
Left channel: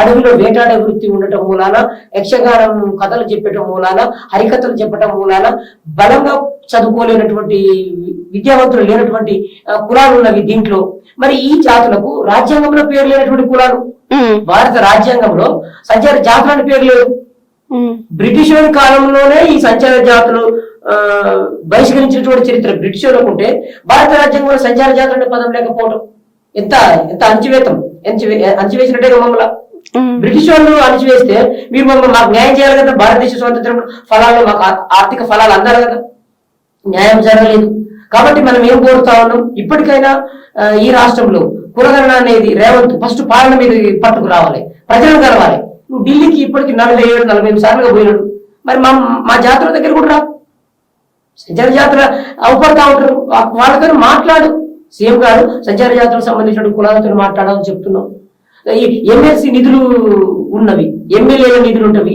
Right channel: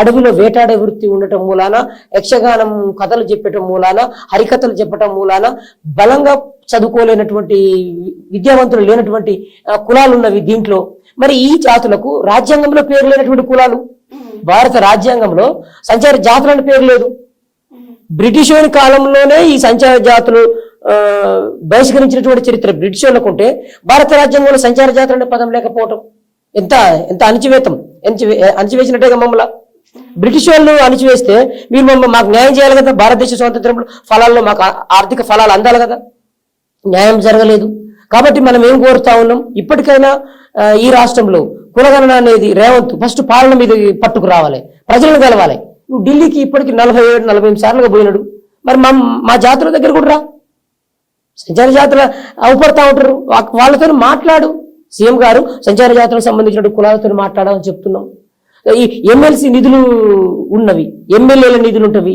అడవిలో వేటాడే వృత్తి ఉండటం మూలాన, యక్షగానం కథలు చెప్పటం మూలాన, హరికథలు చెప్పటం మూలాన బలంగా చదువుకోలేనటువంటి, విద్యావంతులు లేనటువంటి కులాలు ఉన్నవి దీంట్లో. మరి ఈ జాతులకు రాజ్యాంగంలో పేరు లేనటువంటి కులాలు. భారత రాజ్యాంగంలో సంచార జాతులు అని పేరు లేదు. బ్రిటిష్ వారి కాలంలోనే ఈ సంచార జాతులు బహిష్కరించినటువంటి చరిత్ర బ్రిటిష్ వాళ్ళకు ఉంటే, భారత రాజ్యాంగంలో సంచార జాతులు అనే పదం లేకపోవటం ఎంత అణచివేసినట్టే మమ్మల్ని. బ్రిటిష్ వాళ్ళు అణచివేస్తే మీరు మాకు న్యాయం చేయాలి కదా. భారతదేశ స్వాతంత్రం ఫలాల్లో మాకు ఆర్థిక ఫలాలు అందాలి కదా. న్యాయం జరగలేదు. కాబట్టి మనం ఏం కోరుతా ఉన్నాం, ఇప్పటికైనా ఈ రాష్ట్రంలో కులగణన అనేది రేవంత్ ఫస్ట్ పాలన మీద పట్టుకు రావాలి, ప్రజలను కలవాలి. నువ్వు ఢిల్లీకి ఇప్పటికి 47-48 సార్లుగా పోయినాడు. మరి మా జాతర దగ్గర కూడా రా. సంచార జాతర అవపడతా ఉంటారు, వాళ్ళకైనా మాట్లాడు. సీఎం గారు సంచార జాతరకు సంబంధించిన కులాలతో మాట్లాడాలని చెప్తున్నాం. ఈ ఎమ్మెల్సీ నిధులు ఉన్నవి, ఎమ్మెల్యేల నిధులు ఉంటవి,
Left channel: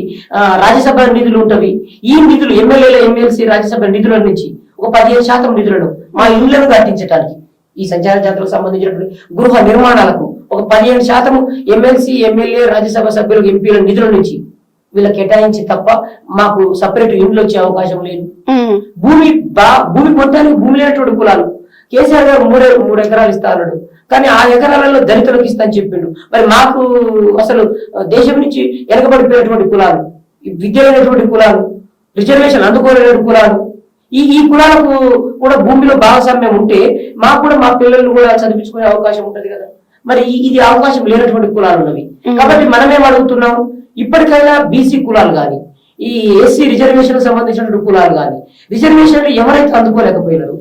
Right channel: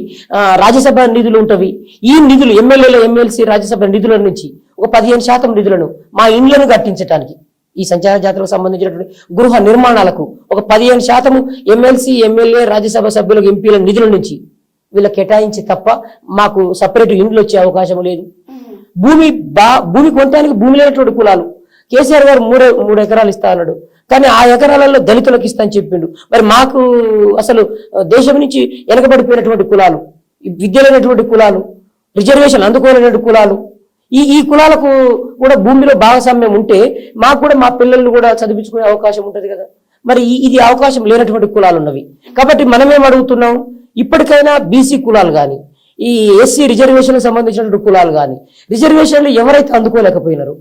రాజ్యసభ నిధులు ఉంటవి. ఈ నిధులు ఎమ్మెల్యేల, ఎమ్మెల్సీ, రాజ్యసభ నిధుల నుంచి ఒక 15% నిధులను మా ఇండ్లను కట్టించడానికి, ఈ సంచార జాతరకు సంబంధించినటువంటి గృహ నిర్మాణాలకు ఒక 15% ఎమ్మెల్సీ, ఎమ్మెల్యే, రాజ్యసభ సభ్యులకు, ఎంపీల నిధుల నుంచి వీళ్ళకి కేటాయించి తప్ప మాకు సపరేట్ ఇండ్లు వచ్చే అవకాశం లేదు. భూమి పొందడానికి భూమి లేనటువంటి కులాలు. కేసీఆర్ గారు 3 ఎకరాలు ఇస్తా అన్నాడు, కానీ ఆ ఎకరాలలో దళితులకు ఇస్తా అని చెప్పిండు. మరి మాకు అసలు దేశం నుంచి వెనకబడిపోయినటువంటి కులాలు, విద్య లేనటువంటి కులాలు, రిజర్వేషన్ అందుకోలేనటువంటి కులాలు, ఈ కులాలకు కూడా భూమిలో భాగస్వామ్యం ఉంటే మాకు కూడా మా పిల్లలను కూడా చదివించుకునే అవకాశం ఉంటది కదా. మరి ఇది అవకాశం లేనటువంటి కులాలు ఉన్నవి. కాబట్టి మనమేం అడుగుతున్నాం, ఇప్పటికైనా బీసీ కులాలు కానీ, ఈ ఎస్సీ రిజర్వేషన్ సంబంధించినటువంటి కులాలు కానీ, రిజర్వేషన్లు ఎవరైతే అందుకోలేకపోయినారు,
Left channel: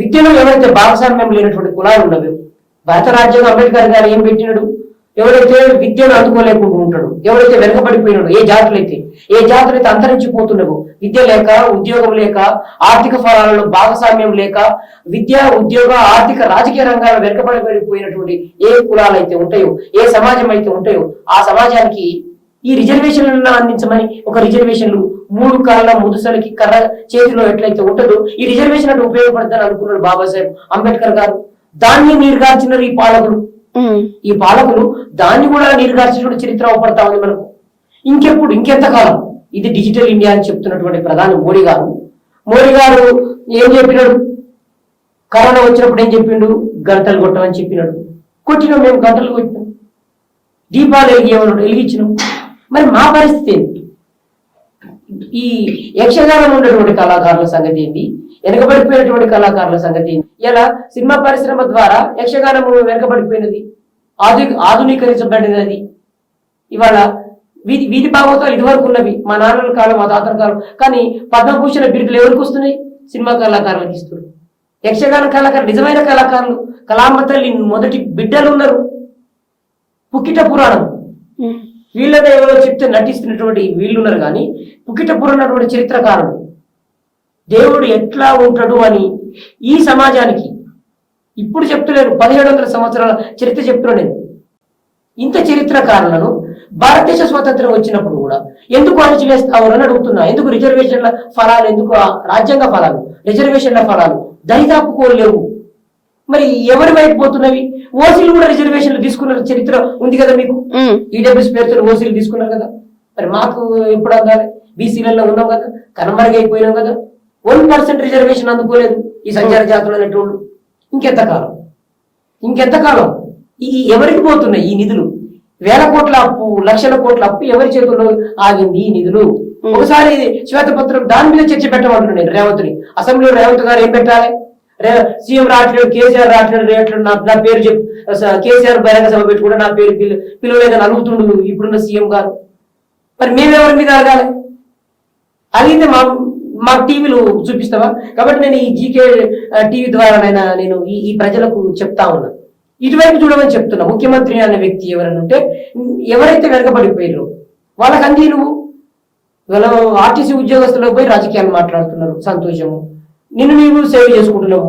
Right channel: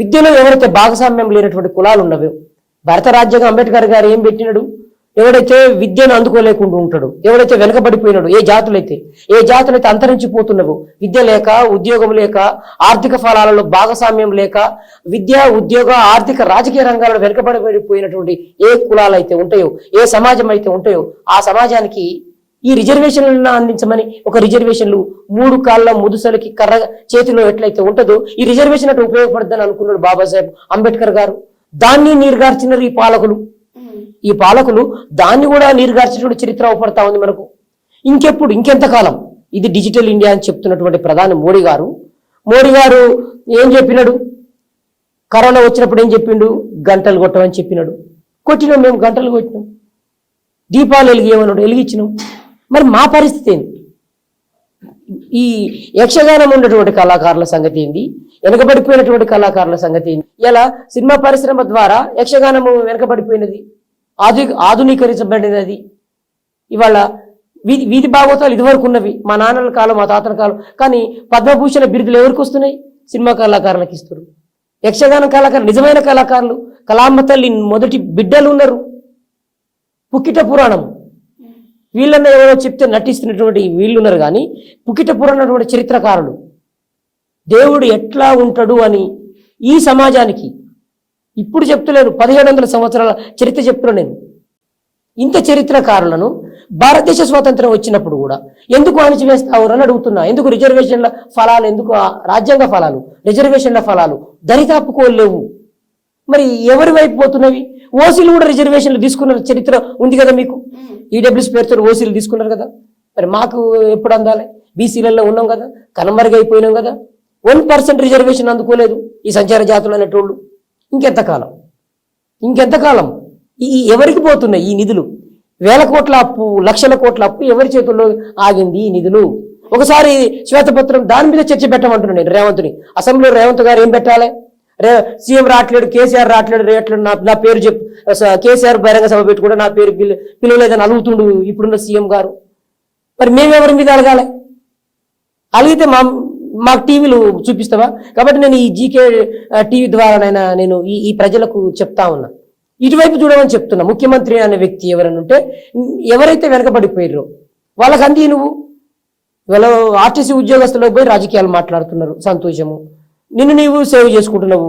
విద్యలో ఎవరైతే భాగస్వామ్యం లేనటువంటి కులాలు ఉన్నవి, భారత రాజ్యాంగం అంబేద్కర్ గారు ఏం పెట్టినాడు, ఎవరైతే విద్యను అందుకోలేకుండా ఉంటాడు, ఎవరైతే వెనకబడిపోయినాడు, ఏ జాతులైతే అంతరించిపోతున్నావు, విద్య లేక, ఉద్యోగం లేక, ఆర్థిక ఫలాలలో భాగస్వామ్యం లేక, విద్య, ఉద్యోగ, ఆర్థిక, రాజకీయ రంగాల్లో వెనకబడిపోయినటువంటి ఏ కులాలు అయితే ఉంటాయో, ఏ సమాజం అయితే ఉంటాయో, ఆ సమాజానికి ఈ రిజర్వేషన్లను అందించమని, ఒక రిజర్వేషన్లు 3 కాళ్ళ ముదుసలకి కర్ర చేతిలో ఎట్లయితే ఉంటుందో ఈ రిజర్వేషన్ అంటే ఉపయోగపడుతుందని అనుకున్నాడు బాబాసాహెబ్ అంబేద్కర్ గారు. దాన్ని నీరుగార్చినారు ఈ పాలకులు దాన్ని కూడా నీరుగార్చినటువంటి చరిత్ర అవపడతా ఉంది మనకు. ఇంకెంతకాలం? ఇది డిజిటల్ ఇండియా అని చెప్తున్నటువంటి ప్రధాని మోడీ గారు ఏం చెప్పినాడు? కరోనా వచ్చినప్పుడు ఏం చెప్పిండు? గంటలు కొట్టమని చెప్పినాడు. కొట్టినాం, మేము గంటలు కొట్టినాం. దీపాలు వెలిగియమన్నాడు, వెలిగించినాం. మరి మా పరిస్థితి ఏంటి? ఈ యక్షగానం ఉన్నటువంటి కళాకారుల సంగతి ఏంటి? వెనకబడిపోయినటువంటి కళాకారుల సంగతి ఏంటి? ఇలా సినిమా పరిశ్రమ ద్వారా యక్షగానం వెనకబడిపోయినది, ఆధునీకరించబడినది. ఇవాళ వీధి భాగవతాలు ఇదివరకు ఉన్నవి, మా నాన్నల కాలం, మా తాతల కాలం. కానీ పద్మభూషణ బిరుదులు ఎవరికి వస్తున్నాయి? సినిమా కళాకారులకు ఇస్తున్నారు. యక్షగాన కళాకారులు, నిజమైన కళాకారులు, కళామ్మ తల్లి మొదటి బిడ్డలు ఉన్నారు. పుక్కిట పురాణం వీళ్ళని ఎవరో చెప్తే నటిస్తున్నటువంటి వీళ్ళున్నారు. కానీ పుక్కిట పురాణటువంటి చరిత్రకారుడు దేవుడు ఎట్లా ఉంటాడు అని ఈ సమాజానికి ఇప్పుడు చెప్తలేను, 1700 సంవత్సరాల చరిత్ర చెప్తున్నాను. ఇంత చరిత్రకారులను భారతదేశ స్వాతంత్రం వచ్చినప్పుడు కూడా ఎందుకు అణచివేస్తావు అని అడుగుతున్నా. ఎందుకు రిజర్వేషన్ల ఫలాలు, ఎందుకు రాజ్యాంగ ఫలాలు, రిజర్వేషన్ల ఫలాలు దరిదాపుకోలేవు? మరి ఎవరి వైపు పోతున్నవి? ఓసీలు కూడా రిజర్వేషన్లు తీసుకున్న చరిత్ర ఉంది కదా మీకు. ఈడబ్ల్యూఎస్ పేరుతో ఓసీలు తీసుకున్నారు కదా. మరి మాకు ఎప్పుడు అందాలి? బీసీలలో ఉన్నాం కదా, కనుమరుగైపోయినాం కదా. 1% రిజర్వేషన్ అందుకోలేదు ఈ సంచార జాతులు అనేటోళ్ళు. ఇంకెంతకాలం ఈ ఎవరికి పోతున్నాయి ఈ నిధులు? వేల కోట్ల అప్పు, లక్షల కోట్ల అప్పు ఎవరి చేతుల్లో ఆగింది ఈ నిధులు? ఒకసారి శ్వేతపత్రం దాని మీద చర్చ పెట్టమంటున్నాను నేను రేవంత్ని. అసెంబ్లీలో రేవంత్ గారు ఏం పెట్టాలి? సీఎం రావట్లేదు, కేసీఆర్ రావట్లేదు, నా పేరు చెప్పు, కేసీఆర్ బహిరంగ సభ పెట్టి కూడా నా పేరు పిలవలేదని అడుగుతుండు ఇప్పుడున్న సీఎం గారు. మరి మేమెవరి మీద అడగాలి? అడిగితే మా టీవీలు చూపిస్తావా? కాబట్టి నేను ఈ జీకే టీవీ ద్వారానైనా నేను ఈ ప్రజలకు చెప్తా ఉన్నా, ఇటువైపు చూడమని చెప్తున్నా. ముఖ్యమంత్రి అనే వ్యక్తి ఎవరన్నా ఉంటే, ఎవరైతే వెనకబడిపోయారో వాళ్ళకి అంది నువ్వు. ఇవాళ ఆర్టీసీ ఉద్యోగస్తుల్లో పోయి రాజకీయాలు మాట్లాడుతున్నారు, సంతోషము, నిన్ను నీవు సేవ్ చేసుకుంటున్నావు.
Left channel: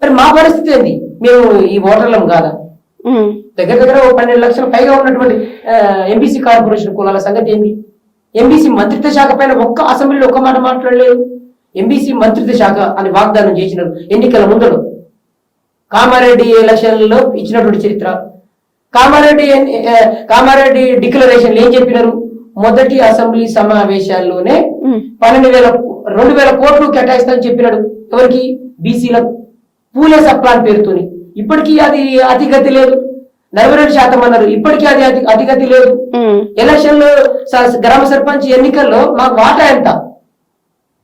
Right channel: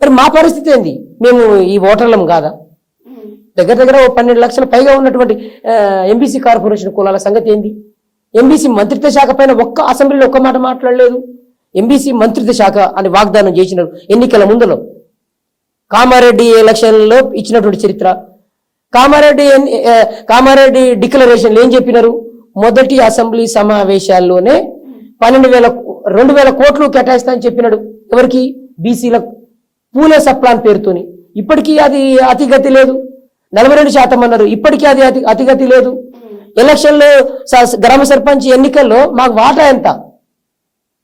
మరి మా పరిస్థితి ఏంది? మేము ఈ ఓటర్లం కాదా? దగ్గర 12 లక్షల పైగా ఉన్నటువంటి ఎంబీసీ కార్పొరేషన్ కులాల సంగతి ఏంది? ఎంబీసీ మంత్రిత్వ శాఖ పైన ఒక్క అసెంబ్లీలో ఒక్క మాట మాట్లాడలేదు. ఎంబీసీ మంత్రిత్వ శాఖ అని వాగ్దానం చేసినారు ఎన్నికల ముందులో. కామారెడ్డి ఎలక్షన్లో ఇచ్చినటువంటి చరిత్ర. కామారెడ్డి డిక్లరేషన్లు ఏం చెప్పినారు? మొదటి అసెంబ్లీ సమావేశాల్లోనే 2,000 కోట్లు కేటాయిస్తామని చెప్పినాడు. ఎవరికి? బీసీలకు. పూలే సప్లాన్ పేరుతోని. ఇప్పటికీ అది అతిగతి లేదు. 42% అన్నారు, ఇప్పటికీ అది అతిగతి లేదు. ఎలక్షన్ లో గ్రామ సర్పంచ్ ఎన్నికల్లో మాకు వాటా ఎంత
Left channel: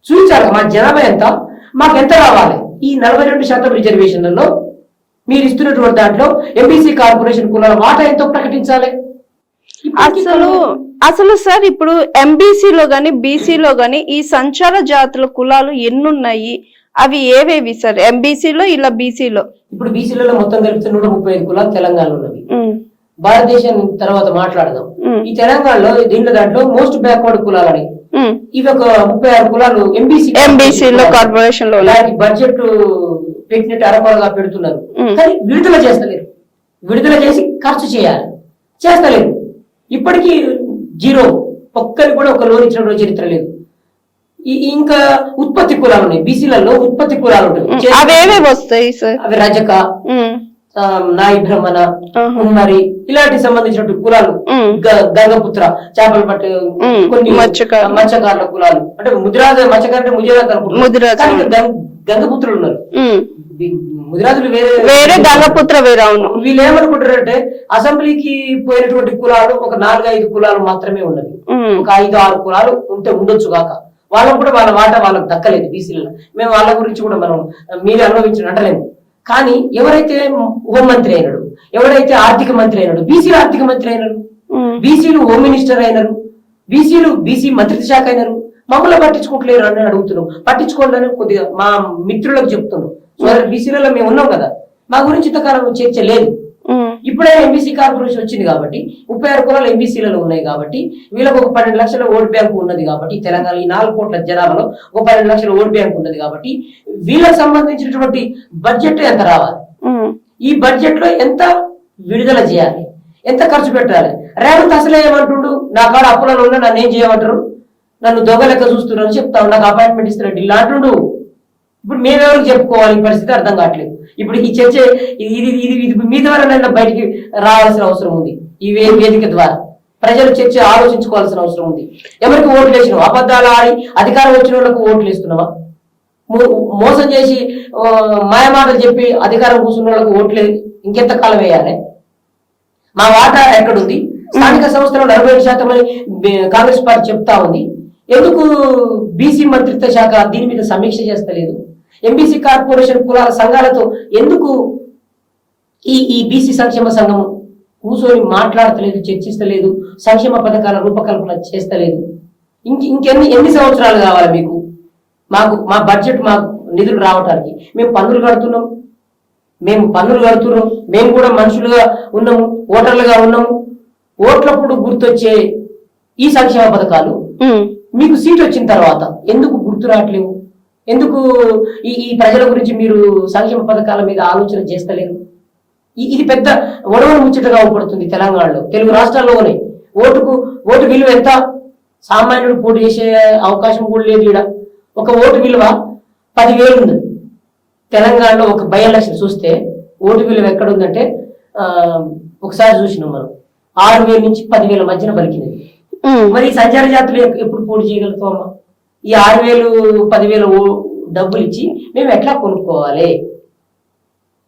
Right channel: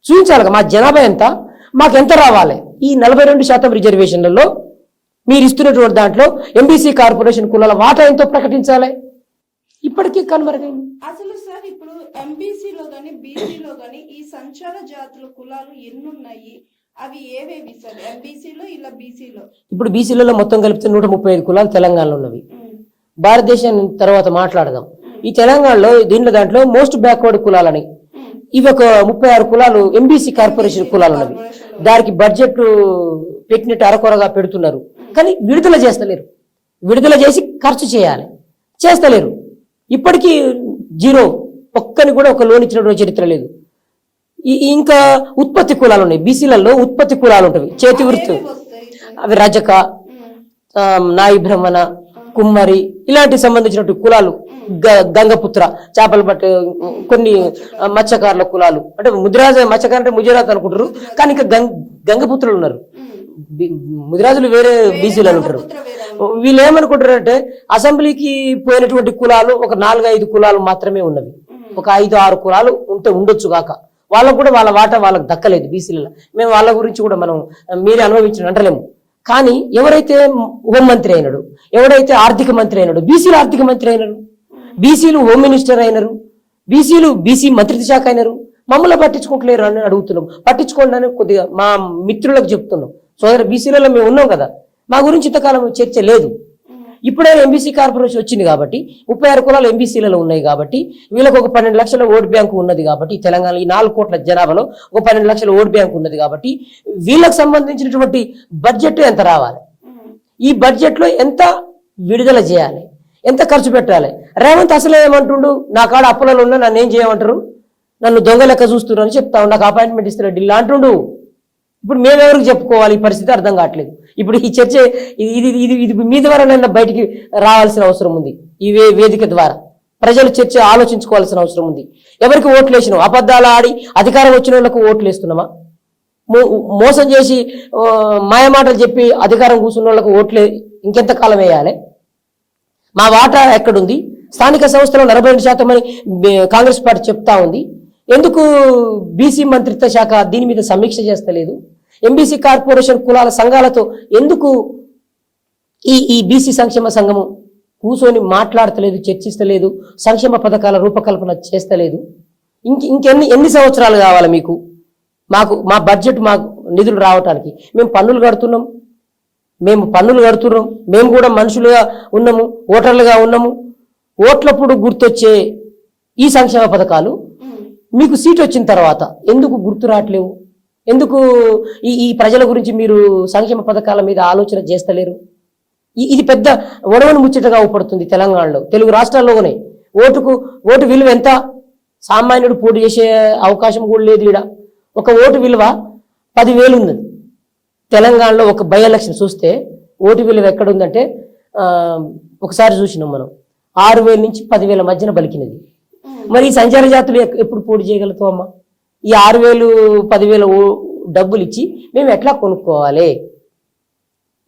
చూపించాలి, మా జనాభా ఎంత, మాకు ఎంత రావాలి? ఈ 42% రిజర్వేషన్లలో మీరు ఇస్తున్నటువంటి దాంట్లో ఎంబీసీ కార్పొరేషన్ కులాల వాటా ఎంతో ప్రకటించాలి. అసలు సార్ ఇప్పుడు ఎంబీసీలో గాని బీసీలో గాని ఈ సంచార జాతుల కులాలు ఎన్నున్నాయి? అవి ఏవేవి సార్? ఎంబీసీలో ఇలా బీసీలో? ఇప్పుడు బీసీలలో మొత్తం కలిపితే 135 కులాలు తెలంగాణలో ఉన్నవి. భారతదేశం తర్వాత మాట్లాడదాం. ఈ తెలంగాణలో దాంట్లో మోస్ట్ బ్యాక్వర్డ్ కులాలని ఇవి ఒక 36 కులాలు ఎంబీసీలో కార్పొరేషన్ లో దానికి బడ్జెట్ పెట్టినట్టు అరకొరగా పెడుతున్నారు. కానీ విడుదల చేస్తలేరు. విడుదల చేసి ఖర్చు చేస్తలేరు. ఇప్పటికీ 0. ఒక్కరికి కూడా ఒక లోన్ ఇచ్చినటువంటి చరిత్ర లేదు. ఇంకా ఉత్పత్తి కులాలు ఉన్నాయి. బీసీలలో ఉత్పత్తి కులాలు ఉంటాయి. అవి రజక, నాయి బ్రహ్మణ, కుమ్మరి ఇలాంటి సంబంధించినటువంటి కులాలు. గంగపుత్ర, చేపలు పట్టే కొన్ని మత్స్యకారుల కులాలు. అంటే మత్స్యకారు ముదిరాజు అనుకుంటున్నారు, కానీ గంగపుత్రులు ఉన్నారు. ముదిరాజులు వేరే, గంగపుత్ర వేరే. వీళ్ళు ఏమనుకుంటారంటే అసెంబ్లీకి పోయినటువంటి కులాలు ఒక 4-5 కులాలు మాత్రమే ఉన్నవి. ఒక 5-6 కులాలు ఉండొచ్చు కాక, వాళ్ళకు కూడా వాళ్ళ వాటా వాళ్ళకి దక్కలేదు బీసీలలో. మేము వాళ్ళ గురించి కూడా మనం మీరే అనుభవించిన అంటలేము. కానీ ఎవరైతే హోంమంత్రి అయినాడు, ఎవరైతే ఆర్థిక మంత్రి అయినాడు, బీసీలు ఆర్థిక మంత్రి అయినారు, బీసీలు హోమ్ మినిస్టర్ అయినారు, బీసీ మంత్రిత్వ శాఖ అయినారు. మమ్మల్ని పట్టించుకోవట్లేరు అని అడుగుతున్నాం. పట్టించుకోండి అని కొద్దిగా మా మిత్రులకు చెప్తున్నాం. సోదరు బీసీలలో మేము ఉన్నాం కదా, మా గురించి ఇంతకాలం చర్చ లేదు. ఇప్పుడే ఎంబీసీ కార్పొరేషన్ వచ్చింది కాబట్టి 36 కులాలు ఎంబీసీలలో ఉన్నాయి కాబట్టి వీళ్ళకి ఒక 12 లక్షల ఓటు బ్యాంకు ఉన్నది కాబట్టి, తెలంగాణ ఈ 4 కోట్ల జనాభాలో ఒక 12 లక్షల ఓటు బ్యాంకు ఉన్నది కాబట్టి వీళ్ళకి సంబంధించినటువంటి బడ్జెట్ ఎంత రావాలి, ఈ బడ్జెట్ లో ఎంత విడుదల చేయాలి, ఎంత ఖర్చు పెట్టాలి? రేవంత్ అసలే ఏమంటుండు, నా కాడ అప్పులలో ఉన్నా నన్ను ఏం చేయమంటారు, నన్ను దొంగ లెక్క చూస్తున్నారని చెప్తాను, నాకు అపాయింట్మెంట్ ఇస్తున్నా ఢిల్లీ అంటుండు. ఇప్పుడు మేమెవరికి చెప్పుకోవాలి? ఈ పరిస్థితి అర్థం కావట్లేదు. ఇప్పుడు ఈ చర్చ ఇది మీ ద్వారా బయటికి రావాల్సిన అవసరం ఉంది. ఈ వేదిక ద్వారా ప్రజలు చర్చ ఆలోచించుకోవాల్సిన అవసరం ఉంది. ఎవరికి ఓట్లు వేసినాం? అబద్ధాలు ఆడి అధికారం వచ్చిన వాళ్ళకు ఓట్లు వేస్తున్నామా? మోసం చేసి మాయమాటలు చెప్పి అధికారం కూర్చున్న వాళ్ళకు ఓట్లు ఇంకెంత కాలం వేయాలి? మా వాటా ఎక్కడుంది? స్థానిక సంస్థలో 42% అని కాంగ్రెస్ పార్టీ చెప్తా ఉంది. ఎందుకు బీసీ మంత్రిత్వ శాఖ దీని మీద సమీక్ష చేస్తలేదు? ఎంబీసీ కార్పొరేషన్ కులాల సంఘాలతో ఎందుకు ఈ బీసీ సంక్షేమ సంఘం కూర్చొని మాట్లాడతలేదు, చర్చిస్తలేదు, సంక్షేమ పథకాల రూపకల్పన చేస్తలేదు? ఎన్ని సంవత్సరాలు కావాలి మీకు? మా బడ్జెట్ మాకు నిధులు రావటానికి మేము పన్నులు కడుతున్నాం, మేము కూడా మనుషులుగా ఉన్నాము, ఓటర్లుగా ఉన్నాము. ఓట్లప్పుడు గుర్తొచ్చే ఈ సంక్షేమ పథకాలు మీకు సీట్ వచ్చిన తర్వాత ఎందుకు గుర్తు రావట్లేవు? ఎందుకు ఈ ప్రజల గురించి మీరు సంక్షేమ పథకాల మీద ఆలోచన చేస్తలేరు? ఇది పెద్ద ఒడవను ముచ్చటగా ఊపడుతుంది తెలంగాణలో, తెలుగు రాష్ట్రాల్లోనే. ఓటు విలువ ఎంత? సామాన్యుడు పోటీ చేసే అవకాశం కూడా లేదు. ఇక్కడ ఒక ఓటు విలువ 10,000 ఉంది. తెలంగాణలో ఒక బై ఎలక్షన్ చూస్తే ఓటు విలువ ఎక్కడుందంటే ఒకసారి చూసినాం మనం, 6,000 నుంచి 10,000 మధ్యన పలికినది. మరి ఈ సంచార జాతులు ఎప్పుడు పోటీ చేయగలుగుతామమ్మా? ఈ 6,000, 10,000 డబ్బులు ఇచ్చి మేము ఎట్లా కొనుక్కోవాలి?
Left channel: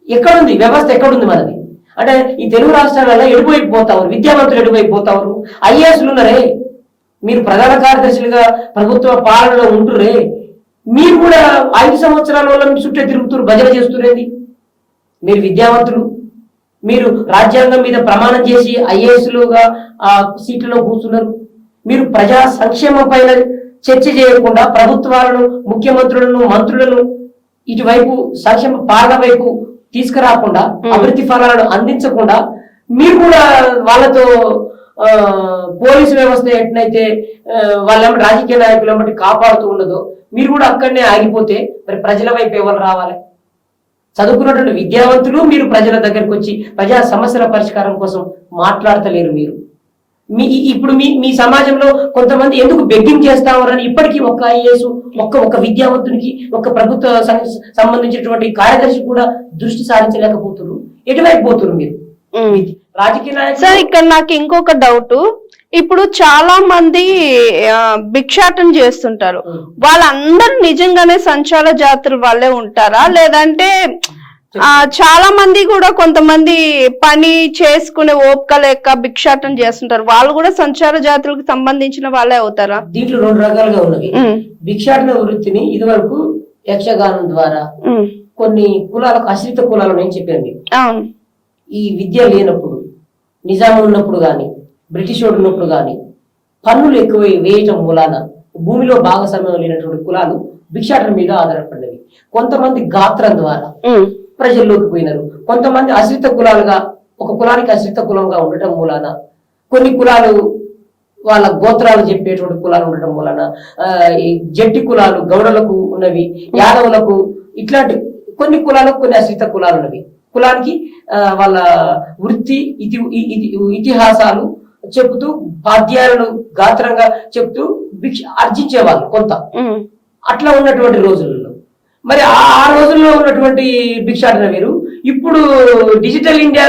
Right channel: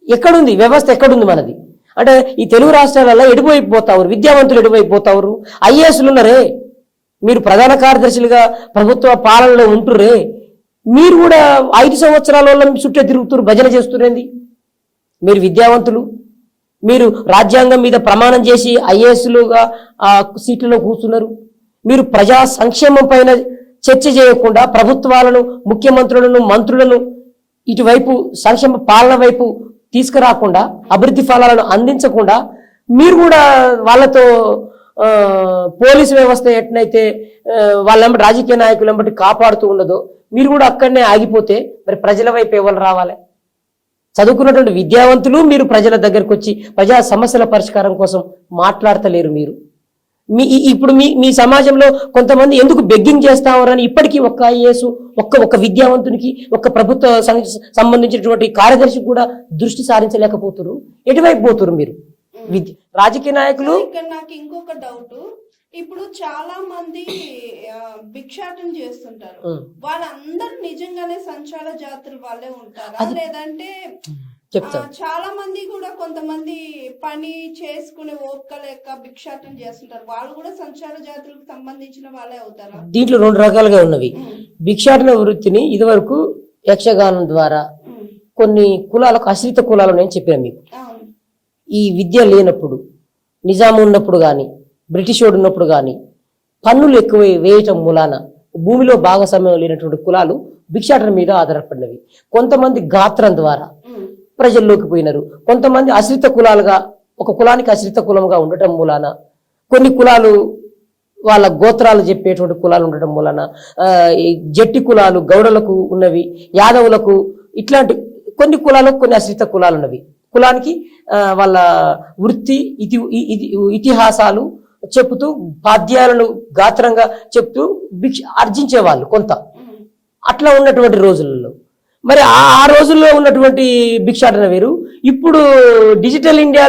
ఎక్కడుంది వ్యవస్థ? ఎక్కడుంది మనది? అంటే ఈ తెలుగు రాష్ట్రాలలో ఎడిపోయిపోతారు, విద్యావంతులు ఎడిపోయిపోతారు. ఐఏఎస్లు ఉన్నారే, మీరు ప్రధాన కార్యదర్శులుగా ప్రభుత్వ పాలనలో ఉంటురే, మీరు కూడా 5 సంవత్సరాల వాళ్ళని చుట్టే తిరుగుతున్నారు, భజన చేస్తురేంది? మీరు విద్యావంతులు, మీరు రాజ్యాంగం మీద ప్రమాణం చేసి ఐఏఎస్లుగా ఆ సీట్లలో కూర్చున్నారు. మీరు ప్రజా సంక్షేమం పైన చర్చ చేయకుండా ప్రభుత్వాలను, ముఖ్యమంత్రులను, మంత్రులను ఇటువైపు సంక్షేమ పాలన వైపు తీసుకురాకుండా, అభివృద్ధి ఫలాలను అందించకుండా మీరు కూడా వాళ్ళతో పోలీసు వ్యవస్థ ఎట్లయితే వాళ్ళెంబటి రాజకీయ నాయకులు ఎంబటి కాపాడుతూ ఉండదో మీరు కూడా అక్కడనే ఆగిపోతే మరి ప్రజల వైపు ఎవరు రావాలి? చదువుకున్నటువంటి విద్యావంతులు మీరు ప్రజల దగ్గరకు వచ్చి ప్రజా సమస్యల పరిష్కారం కోసం మాట్లాడతలేరు. మీరు ఇప్పుడు మీ సమాజంలో కొంతమంది ఎందుకు బెగ్గింగ్ చేస్తామని ఇప్పటికీ ఒక్క ఐఏఎస్, ఒక్క విద్యావంతునికి, ఒక్క ప్రభుత్వ సంబంధించినటువంటి కార్యదర్శి కూడా దృష్టి సారించలేకపోతున్నారు. ఎటువైపు పోతున్నారు మీరు? రాజకీయ నాయకులు. సార్, ఇక్కడ నాకు ఇంకొక డౌట్. ఇప్పుడు చాలా మంది భిక్షాటన చేస్తుంటారు, వాళ్ళందరూ నిజంగానే సంచార జాతుల వాళ్ళే ఉంటారా? లేదంటే చాలా మంది కూడా కొంతమంది పని చేసుకునే ఓపిక లేక భిక్షాటన చేస్తుంటారు, వాళ్ళు కూడా సంచార జాతులకు సంబంధించిన వాళ్ళే అవుతారా? దీంట్లో 2 రకాలుగా ఉన్నవి. భిక్షాటన వృత్తిని ఇదివరకు యక్షగానం ద్వారా కొన్ని కులాలకు, ఆశ్రిత కులాలు నేను చెప్పాను మీకు. ఈ విద్య లేనప్పుడు, నిజాం ఉన్నప్పుడు గాని, బ్రిటిష్ వాడు ఉన్నప్పుడు గాని పన్నులు ఎక్కువ వేయటం మూలాన భూమిలో భాగస్వామ్యం లేనటువంటి కులాలు భిక్షాటన మీద ఆధారపడినవి. కొంతమంది గాత్రం ద్వారా ప్రజల్లోకి పోయినారు. కొంతమంది ఆశ్రిత కులాలుగా, ఒక కులానికి ఆశ్రిత కులంగా ఉండటం మూలాన, కొన్ని కులాలు వాళ్ళ గోత్రాలు చెప్పేటువంటి కులాలు ఉండటం మూలాన, జట్టి కులాలు గౌడలకు ఉన్నవి, యాదవులకు, ఇట్లాంటి కొన్ని కులాలకు కొన్ని ఆశ్రిత కులాలు ఉన్నవి. కులానికి వాళ్ళ వృత్తి ఇతిహాసాలు చెబుతూ, పాద్యాలను గాత్రంగా చెప్తూ ఆర్జించేవాళ్ళు కొంత. అట్లా ఉన్నటువంటి రోజులలో మరి ఆ రోజుల్లో ఉన్నటువంటి భిక్షాటన వేరు. ఇప్పుడు డిజిటల్ ఇండియా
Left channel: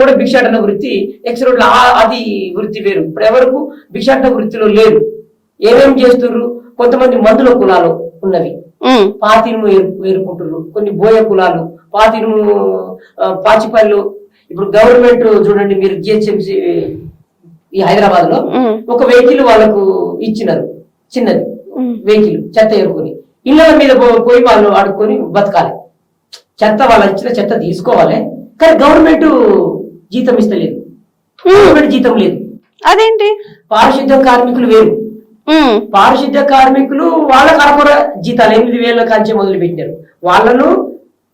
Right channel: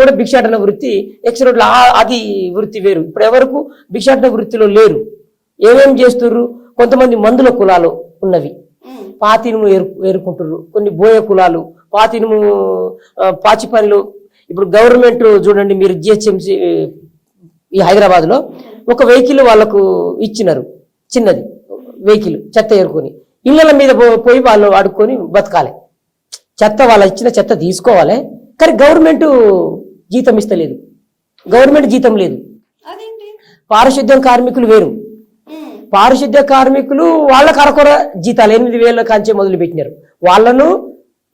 కూడా భిక్షాటన వృత్తి ఎక్స్రోడ్ అది వృత్తి వేరు. ఇప్పుడు ఎవరికి భిక్షాటన వృత్తిలో లేరు. ఏమేమి చేస్తున్నారు? కొంతమంది మందుల కులాలు ఉన్నవి, పాతినుము ఏరుకుంటున్నారు. కొన్ని బోయ కులాలు పాతినుము, పాచిపల్లు. ఇప్పుడు గవర్నమెంట్ చూడండి, మీరు జిహెచ్ఎంసి ఈ హైదరాబాద్ లో ఒక వెహికల్ వాళ్ళకు ఇచ్చినారు, చిన్నది వెహికల్, చెత్త ఏరుకొని ఇళ్ళ మీద పోయి వాళ్ళు వాడుకొని బతకాలి. చెత్త వాళ్ళ ఇచ్చిన చెత్త తీసుకోవాలి, కానీ గవర్నమెంట్ జీతం ఇస్తలేదు, గవర్నమెంట్ జీతం లేదు. అదేంటి? పారిశుద్ధ కార్మికులు వేరు. పారిశుద్ధ కార్మికులు వాళ్ళకు అరకొర జీతాలు 8,000 కాంచే మొదలు పెట్టినారు.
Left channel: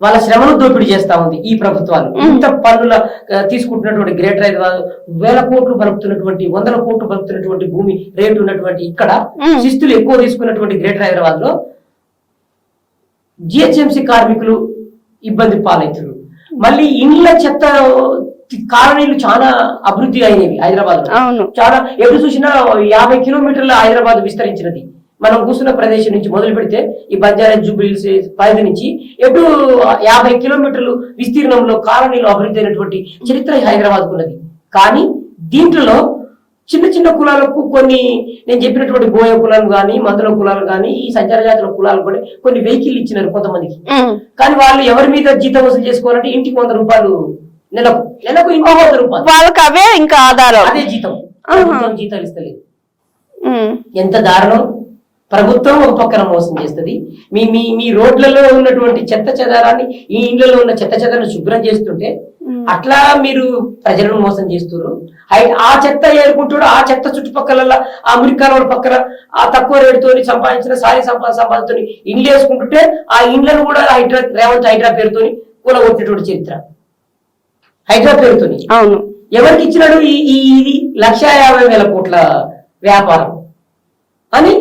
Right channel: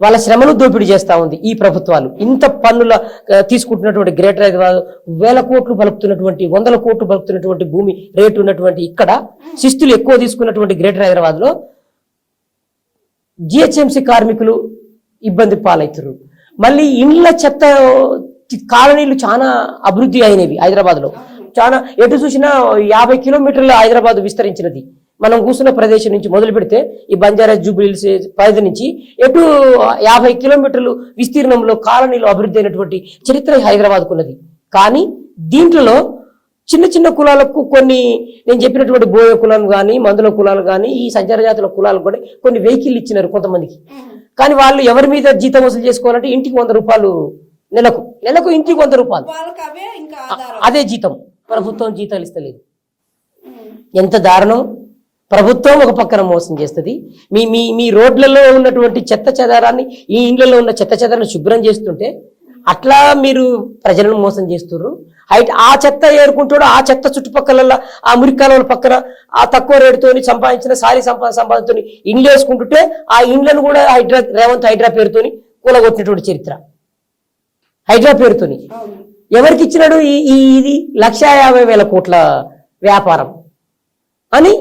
వాళ్ళ శ్రమను దోపిడీ చేస్తా ఉంది ఈ ప్రభుత్వాలు. ఇంత పన్నుల తీసుకుంటున్నటువంటి గ్రేటర్ హైదరాబాద్, 1000 కోట్లు బలుపుతున్నటువంటి, 100 కోట్లు బలుపుతున్నటువంటి భూమి రేటు ఉన్నటువంటి ఇక్కడ శిస్తులు ఎక్కువ తీసుకున్నటువంటి గ్రేటర్ హైదరాబాద్ లో జిహెచ్ఎంసి కార్మికులు ఇబ్బంది పాలవుతున్నారు. మళ్ళీ ఇండ్ల చెత్త కాలనీలు చాలా అభివృద్ధి అయినవి హైదరాబాద్ లో. చాలా ఎటు చూసినా 50 కిలోమీటర్ల హైదరాబాద్ విస్తరించినది. మనం కూర్చున్న ప్రదేశం నుంచి మొదలు పెడితే ఈ బంజారా జూబ్లీహిల్స్ పరిధి నుంచి ఎటు 50 కిలోమీటర్లు విస్తీర్ణంలో కాలనీలు అభివృద్ధి అయినటువంటి చరిత్ర హైదరాబాద్ ఉన్నది. కానీ దీంట్లో చిన్న చిన్న కులాలకు కొన్ని, నేను చెప్పినటువంటి బోయ కులాలు గాని, మందుల కులాలు గాని, ఈ సంచార జాతుల కులాలు కూడా కొన్ని వెహికల్ ఇచ్చినారు కొంతమందికి. కానీ వాళ్ళు ఎవరి మీద జీతం వసూలు చేసుకోవాలంటే ఇంటికి 100 రూపాయలు, నెలకు ఇంటికి 100 రూపాయలు, వాళ్ళకి అవే ఇంకా ఆధారం, అదే జీతం. ప్రభుత్వం జీతాలు ఇస్తలేదు. ఎంత దారుణం! ప్రభుత్వం ఒక పక్కన మోసం చేస్తుంది. మీ రోడ్లలో ఉన్నటువంటి చెత్త చెదారాన్ని, ఈ ఇండ్లలో ఉన్న చెత్త చెదారాన్ని శుభ్రం చేస్తుంటే అట్లా మీరు ప్రజలను మోసం చేస్తున్నారు. ఆ చెత్త ఏరుకుంటాడు, ఆ చెత్త చుట్టుపక్కల ఆ మురికాల పక్కన ఆ తక్కువ రేటుతో సంపాదించిన సారీ సంపాదనతో ఇండ్లు వేసుకుంటుంటే ఆ ఇండ్లను కూడా రేవంత్ హైడ్రా పేరుతోని కూలగొట్టినటువంటి చరిత్ర. హైడ్రా పేరుతోని అవును, ఎవరికి ఇచ్చినాడు? ఇది 1,50,000 కోట్ల వ్యాపారం అని